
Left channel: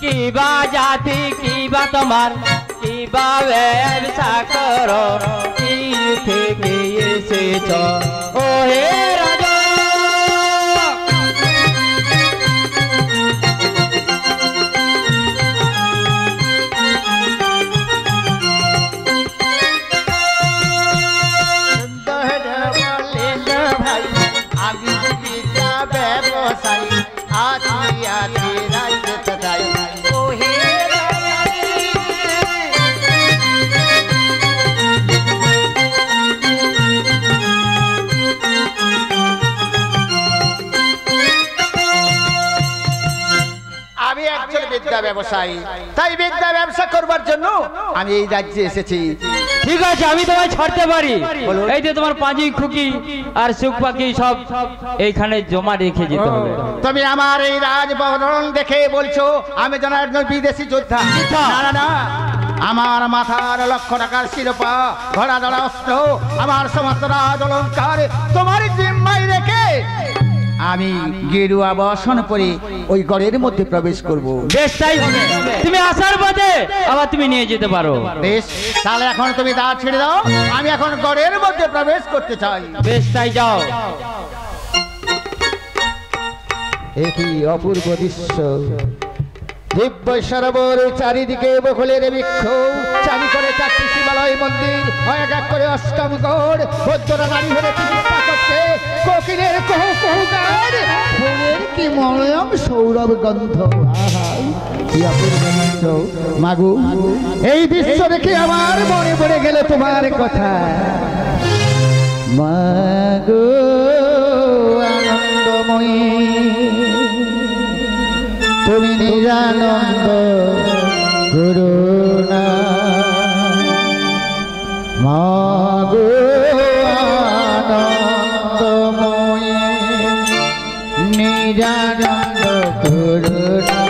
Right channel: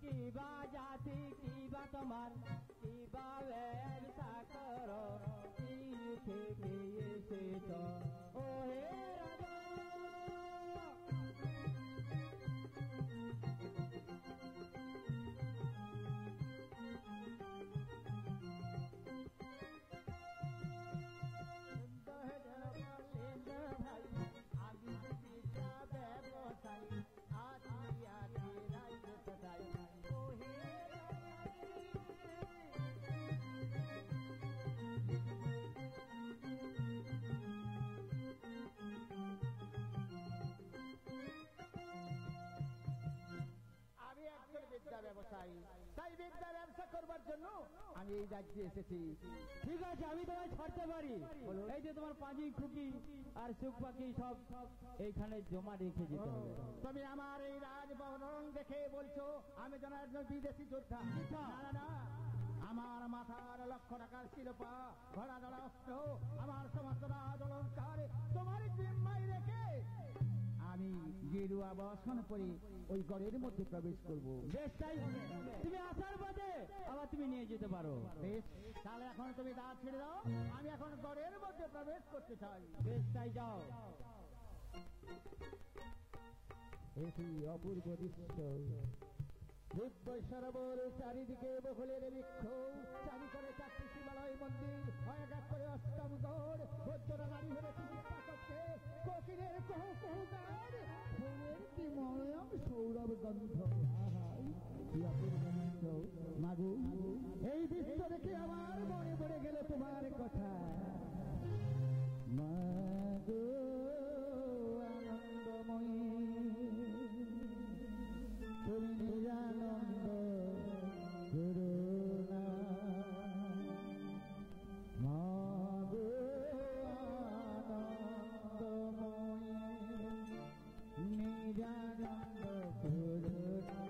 কি বা জাতি কি বা তোমার কি বা ব্যবসা করো কি থেকে এসেছ ও হে রাজা আমি বিদ্যা ব্যবসায়ী আছি আছি রাজ্যতে যাই ও হে আমি একজন বিদ্যা ব্যবসায়ী তাই বিদ্যা ব্যবসা করবার জন্য আমি এই রাজ্যে এসেছি ঠিক আছে আমি তোমায় ছাড়তে পারি এই যে তোমার পাঁজি খুকি আর সুখ পাখি সব এইখানে জমা রেখে যেতে হবে তুমি আমার এই রাজভবন দেখে বলছো আমি যেন একজন বিদেশি যোদ্ধা না না না আমার মাথার লক্ষ টাকার শিরোপা ঘোড়া ধরা অস্ত্র আমার সমস্ত রাজ অলঙ্কার তোমার জিম্মায় রেখে আমি গেরুয়া বসন পরে ওই গড়ের মধ্যে প্রবেশ করব বেশ তাই হবে তুমি আসার পথে আবার তুমি নিয়ে যেতে পারো বেশ তাহলে এখন তুমি দ্বার ছেড়ে দাও আমি এখন গড়ের মধ্যে প্রবেশ করতে চাই বেশ তাই যাও একই অপূর্ব দৃশ্য দিব্য সরোবর চারিদিকে বকুলের বৃক্ষ চারি করে 4টি শিবালয় মন্দির এক এক করে অষ্টম গড় বৌদ্ধরা নারী হয়ে চিকিৎসা করছে কোকিলের কুহু কুহু গান ফুলের কি মলয়ম সৌরভ গন্ধ কি অপূর্ব দৃশ্য মাগু এই দৃশ্য দেখে আমার মনে পড়ে গেল তোমার কথা মাগো আনন্দময়ী তুমি নিরানন্দ করুণা মাগো আনন্দময়ী নিরানন্দ করুণা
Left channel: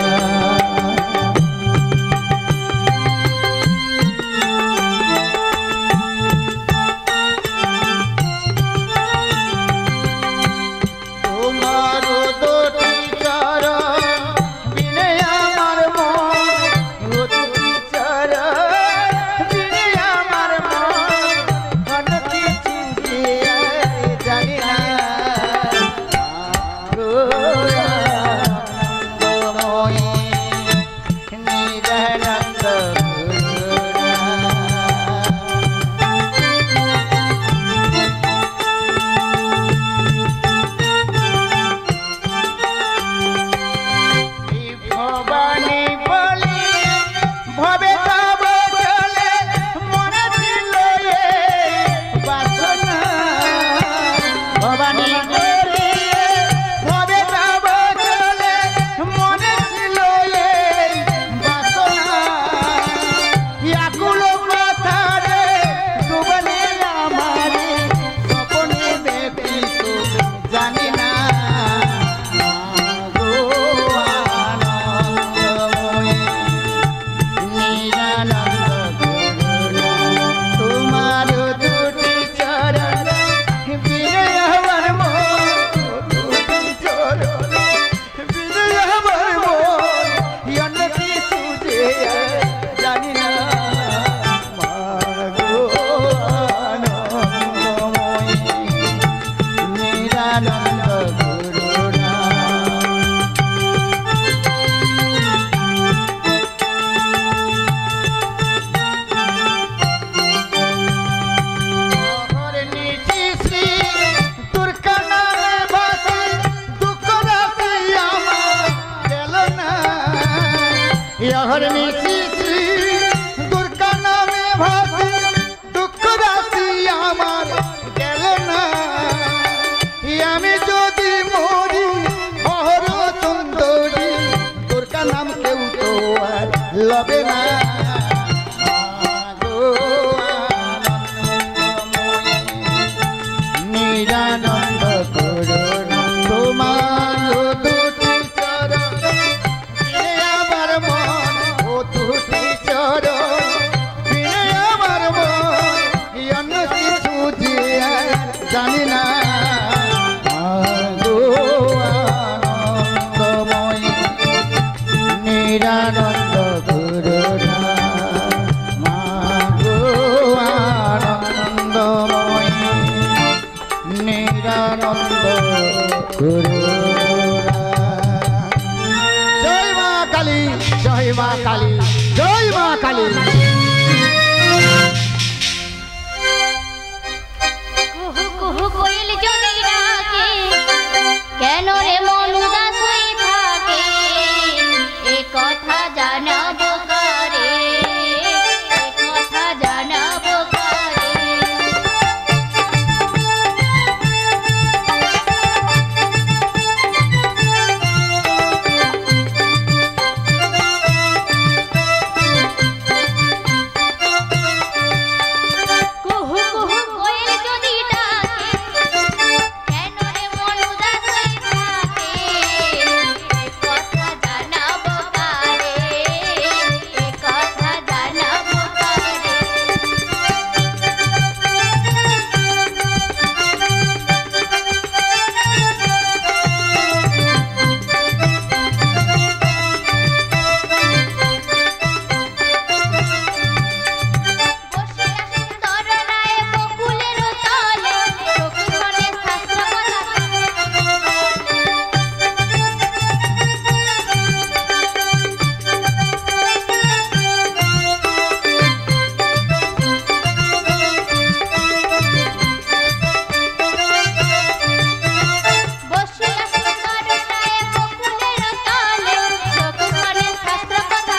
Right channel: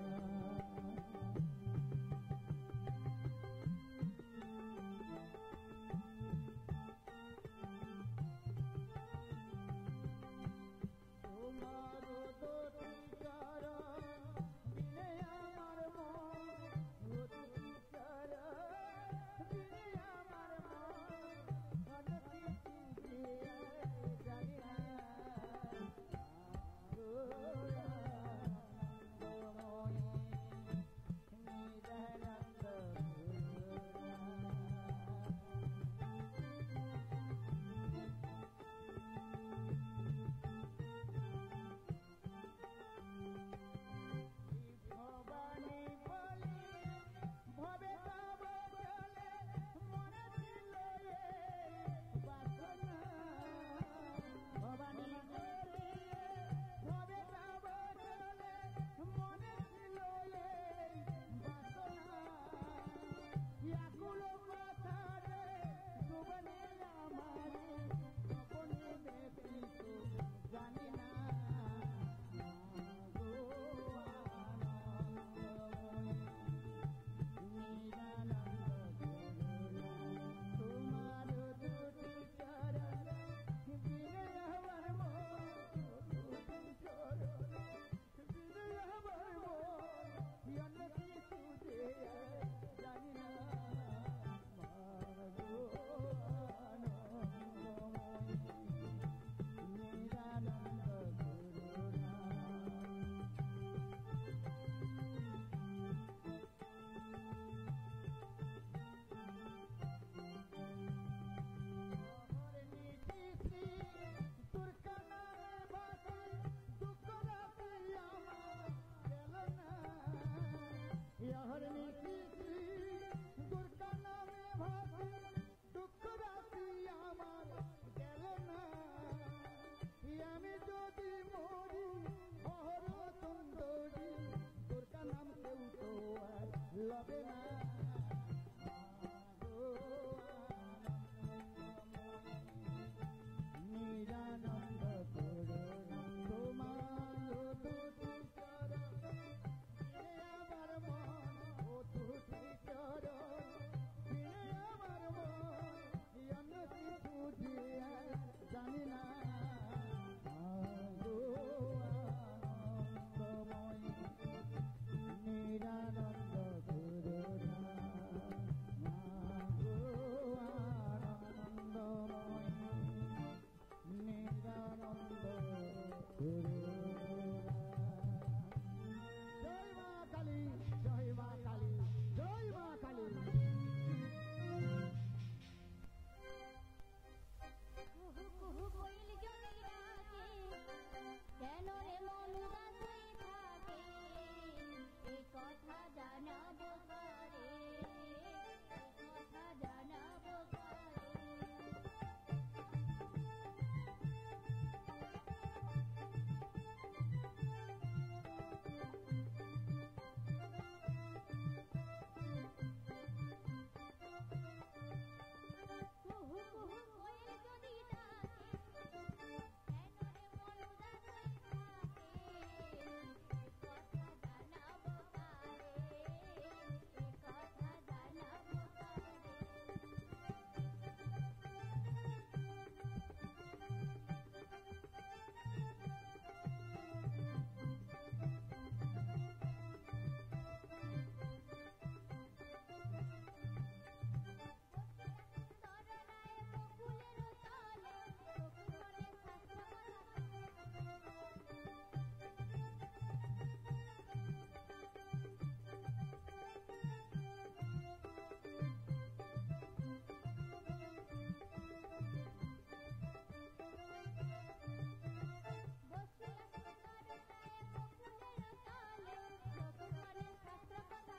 তোমার দুটি চরণ বিনে আমার মন দুটি চরণ বিনে আমার মন ঘন কিছু যে জানি না গো আনন্দময়ী নিরানন্দ ভবানী বলি ভবে তব চলে মনে ছিল এ বাসনা ভবানী বলি ভবে তব চলে মনে ছিল এ বাসনা আকুল কথারে ডুবলে আমারে স্বপ্নে দেখি তো জানি না গো আনন্দময়ী নিরানন্দ করুণা তোমার দুটি চরণ বিনে আমার মন দুটি চরণ বিনে আমার মন অন্য কিছু যে জানি না মাগো আনন্দময়ী নিরানন্দ করুণা অহর্নিশি শ্রী দুর্গা নামে ভাসে দুঃখ রাশি আমার গেল না অহর্নিশি শ্রী দুর্গা নামে ভাসে দুঃখ রাশি আমার গেল না আমি যদি মরি অহর সুন্দরী দুর্গা নাম কেউ তো আর লবে না মাগো আনন্দময়ী নিরানন্দ করুণা তোমার দুটি চরণ বিনে আমার মন ও দুটি চরণ বিনে আমার মন অন্য কিছু যে জানি না মাগো আনন্দময়ী নিরানন্দ করুণা জয় মা কালী। কুহু কুহু কোয়েল যদি ডাকে, কেন রে মন উদাস হয়ে থাকে, এ কথা জানাবো কারে, এ কথা জানাবো কারে। কুহু কুহু কোয়েল যদি ডাকে, কেন রে মন উদাস হয়ে থাকে, এ কথা জানাবো কারে, এ কথা জানাবো কারে। বসিয়া সুন্দর রায় বকুলের তলে, চক্ষুক্ষণে শাস্ত্র কথা বসিয়া সুন্দর রায় বকুলের তলে, চক্ষুক্ষণে শাস্ত্র কথা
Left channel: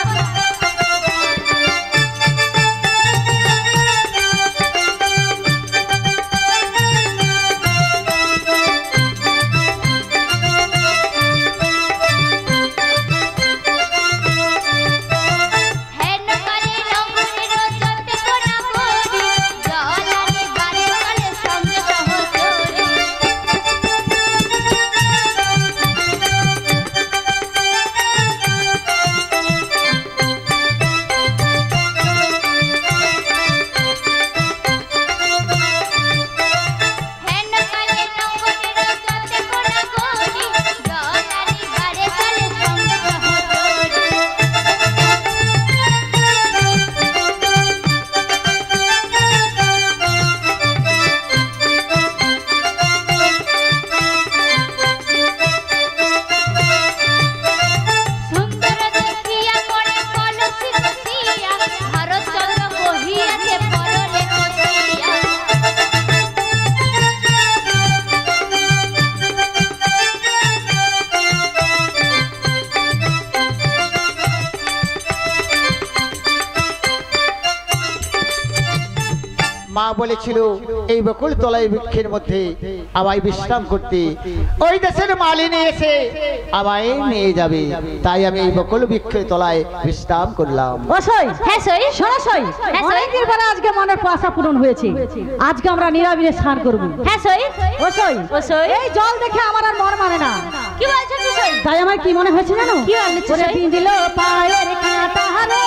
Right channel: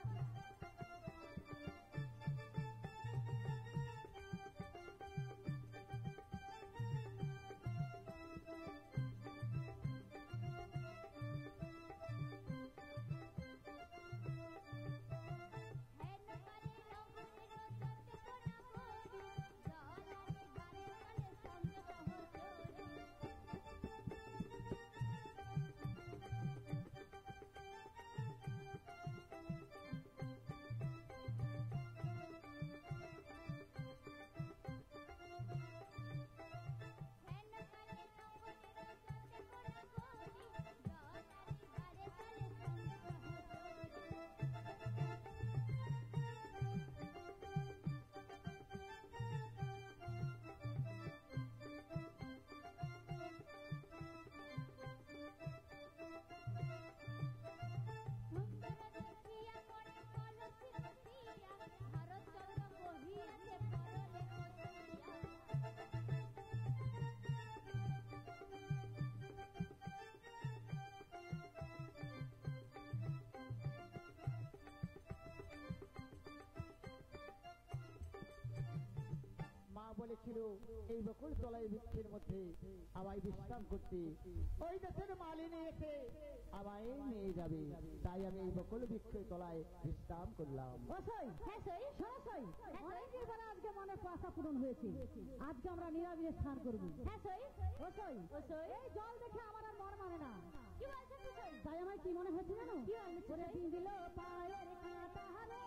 হেন কালে নগরের যতে কোনা করি, জলানি বারে কালে সঙ্গে সহচরি। হেন কালে নগরের যতে কোনা করি, জলানি বারে কালে সঙ্গে সহচরি। সুন্দর দেখিয়া পড়ে কলসি বসিয়া, ভারতচন্দ্র বহিয়াছে পরলে বসিয়া। মা বলেছিল এই বকুল তলায় বৃক্ষের মধ্যে আমায় বিশ্রাম করতে, ওই দেশের মালিনী এসে আমায় নিয়ে যাবে, তাই আমি এই বকুল বৃক্ষের তলায় বিশ্রাম করলাম। ওসই হ্যাঁ সই, শোনো সই, হ্যাঁ, সই। অনেকদিন পরে আজকে মনের আশা পূরণ হয়েছে। আজকে আমরা নিরাবিলে স্নান করবো। হ্যাঁ সই, ওসই ওসই। এই জল দেখে আমার আর মন মানে না। কি বলছো কি সই? তাই আমার কি মনে হয়েছে জানো? কি মনে হচ্ছে, ওরে সই? বিঁধিল পায়ের কাঁটা রে,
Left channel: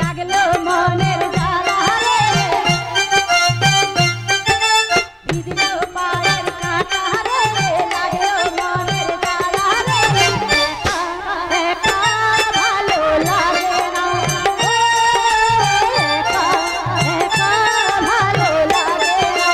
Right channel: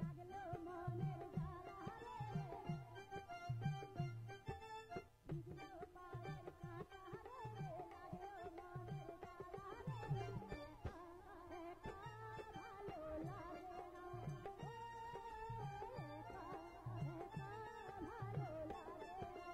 লাগলো মনের জ্বালা রে, বিঁধিল পায়ের কাঁটা রে, লাগলো মনের জ্বালা রে, একা ভালো লাগে না, ও একা ভালো লাগে না।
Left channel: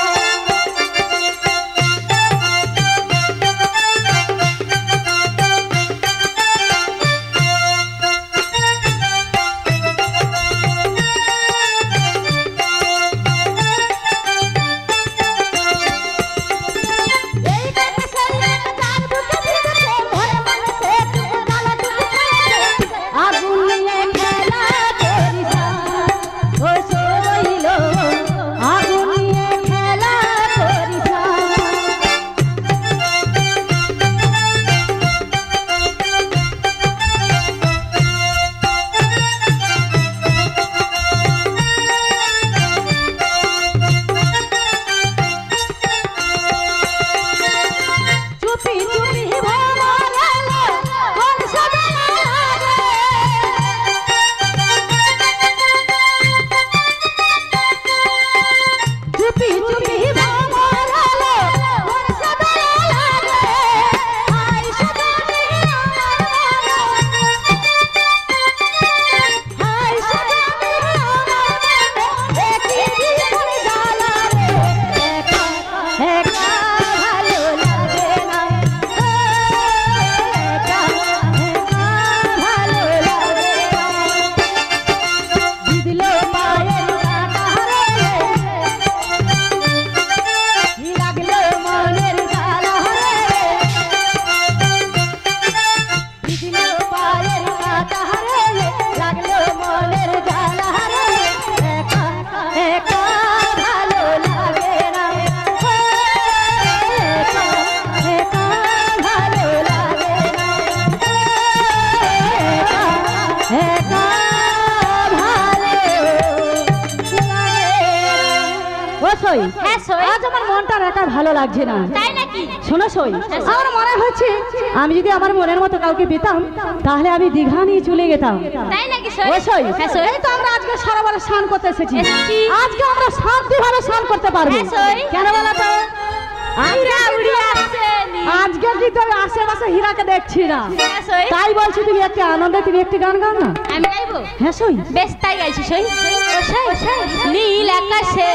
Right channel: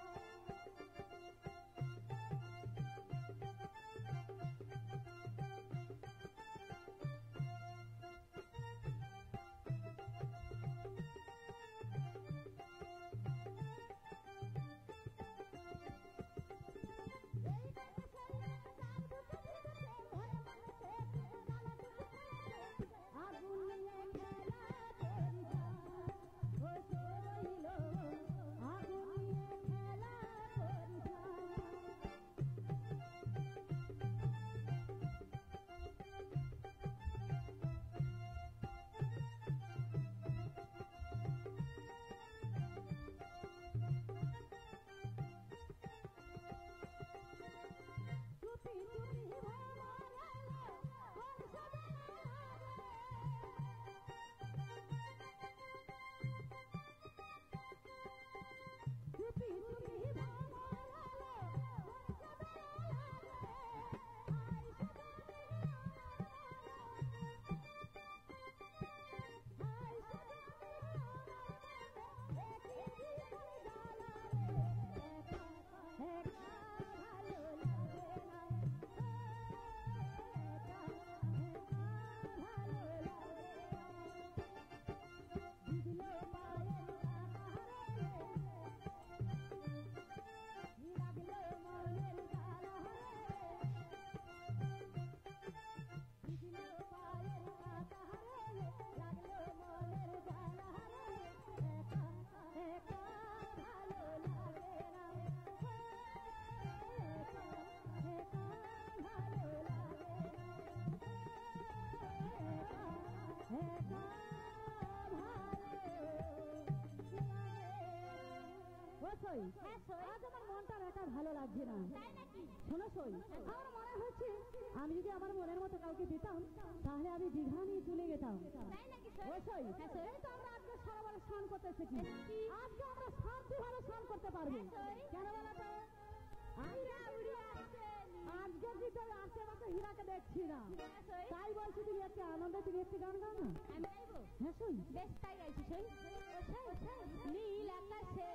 সই হ্যাঁ সই। আজ আমার মনটা একা ভালো লাগছে না। তাই নাকি? শোনো সই, আমার মনে হচ্ছে আমি যদি আমার মনের মতো কাউকে পেতাম তাহলে আমি দীঘা নিয়ে চলে যেতাম। তাই নাকি সই? ও সই, হ্যাঁ সই। এই তো আমরা আজকে সারাবার স্নান করতে এসেছি। এসেছি। আজকে আমরা শান্তিভাবে স্নান করতে পারবো। হ্যাঁ সই। কেন বলো তো? হীরা উড়ি আসেনি। আজকে কি তো আশেপাশে হীরাকে দেখছি না, হ্যাঁ সই। তাই বলছি তুমি একটি আনন্দে তুমি একটি গান গাও না। আমি গাইবো? হ্যাঁ সই। বেশ তাই গাইছি সই। ও সই। নীল আকাশে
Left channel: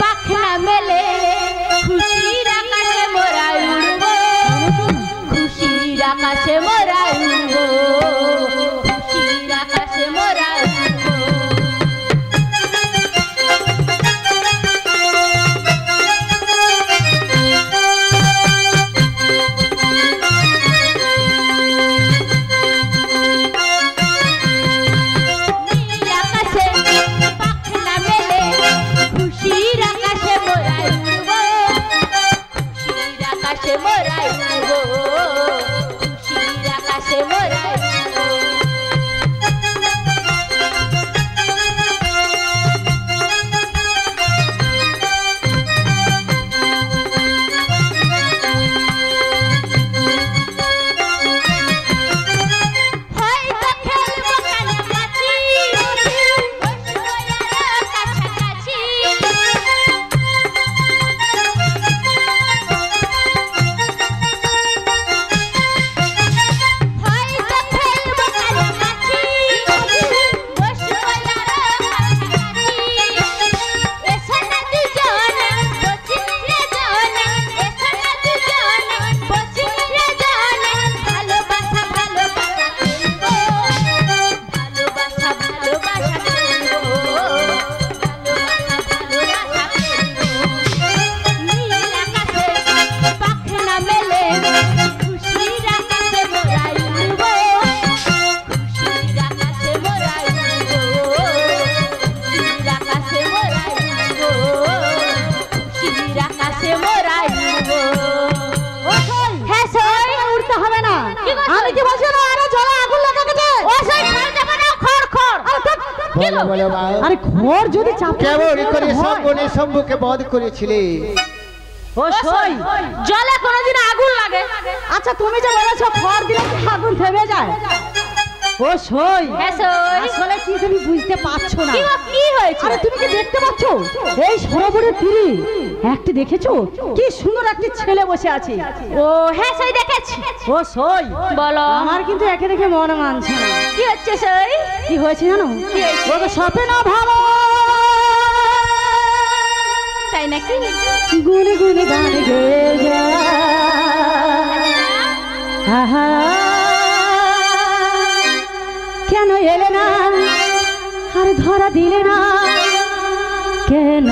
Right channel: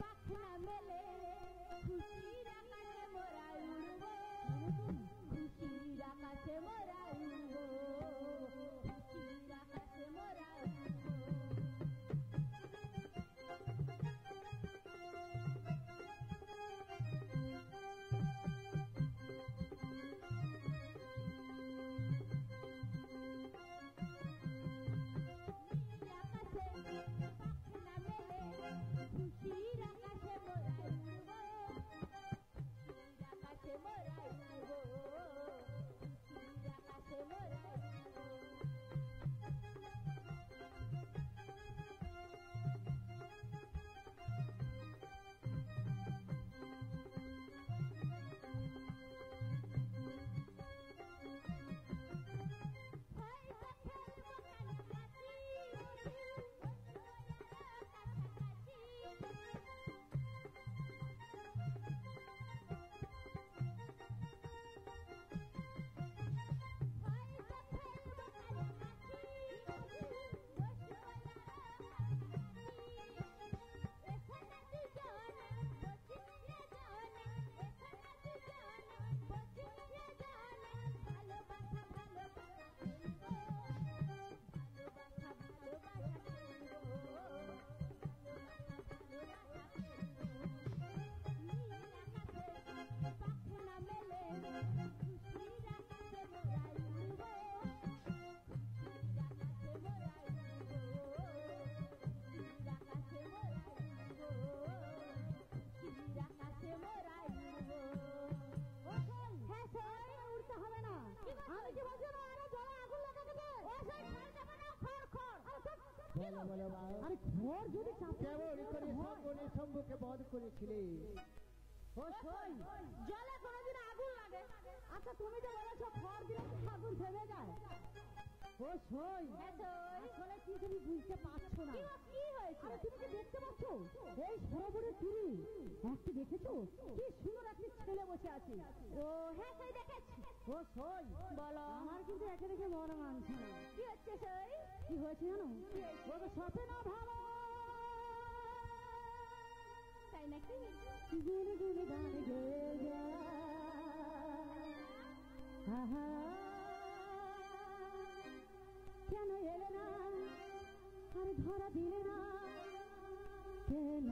পাখনা মেলে খুশির আকাশে মোরা উড়বো, খুশির আকাশে মোরা উড়বো, খুশির আকাশে মোরা উড়বো। নীল আকাশে পাখনা মেলে খুশির আকাশে মোরা উড়বো, খুশির আকাশে মোরা উড়বো, খুশির আকাশে মোরা উড়বো। হয়তো খেলবো কাছাকাছি, বসবো আরো কাছাকাছি। হয়তো খেলবো কাছাকাছি, বসবো আরো কাছাকাছি। এসো না দুজনে বসি নির্জনে, এসো না দুজনে বসি নির্জনে। ভালোবাসা ভালোবাসা খেলবো, ভালোবাসা ভালোবাসা খেলবো, ভালোবাসা ভালোবাসা খেলবো। নীল আকাশে পাখনা মেলে খুশির আকাশে মোরা উড়বো, খুশির আকাশে মোরা উড়বো, খুশির আকাশে মোরা উড়বো, খুশির আকাশে মোরা উড়বো। ও সই, হ্যাঁ সই। উঠতে হবে না। কি করছো? আমি কি বলছি না, আরে জলে আগুন লেগে গেছে। ও সই খড় যাবে না, খড় খড়। বলো বলো মা, আরে ঘর যদি চাপ কেমন করে শম্ভুনে শম্ভুকে বধ করেছিলে? ও সই, জলে কোনোদিন আগুন লাগে? আচ্ছা তুমি যে বলেছো খড় দিলে কি আগুন থেমে যায়? ও সই, হ্যাঁ সই। আসলে কি তুমি বুঝতে পারছো না। কি হয়েছে? আরে তুমি কি দেখতে পাচ্ছ এই সরোবরের তীরে একটি দেখেছো কি সুন্দর একটি ছেলে বসে আছে? ও হ্যাঁ সই দেখেছি। ও সই, বলো। আমার কিন্তু একে দেখে মন মানছে না। কি হচ্ছে সই? কি হয়েছে জানো? কি হয়েছে? ও তো স্বপ্ন ভালো তাই নাকি? গুনে গুনে গান গেয়ে যায়। আহা, কেন এলে না আর ধরা দিলে না কেন?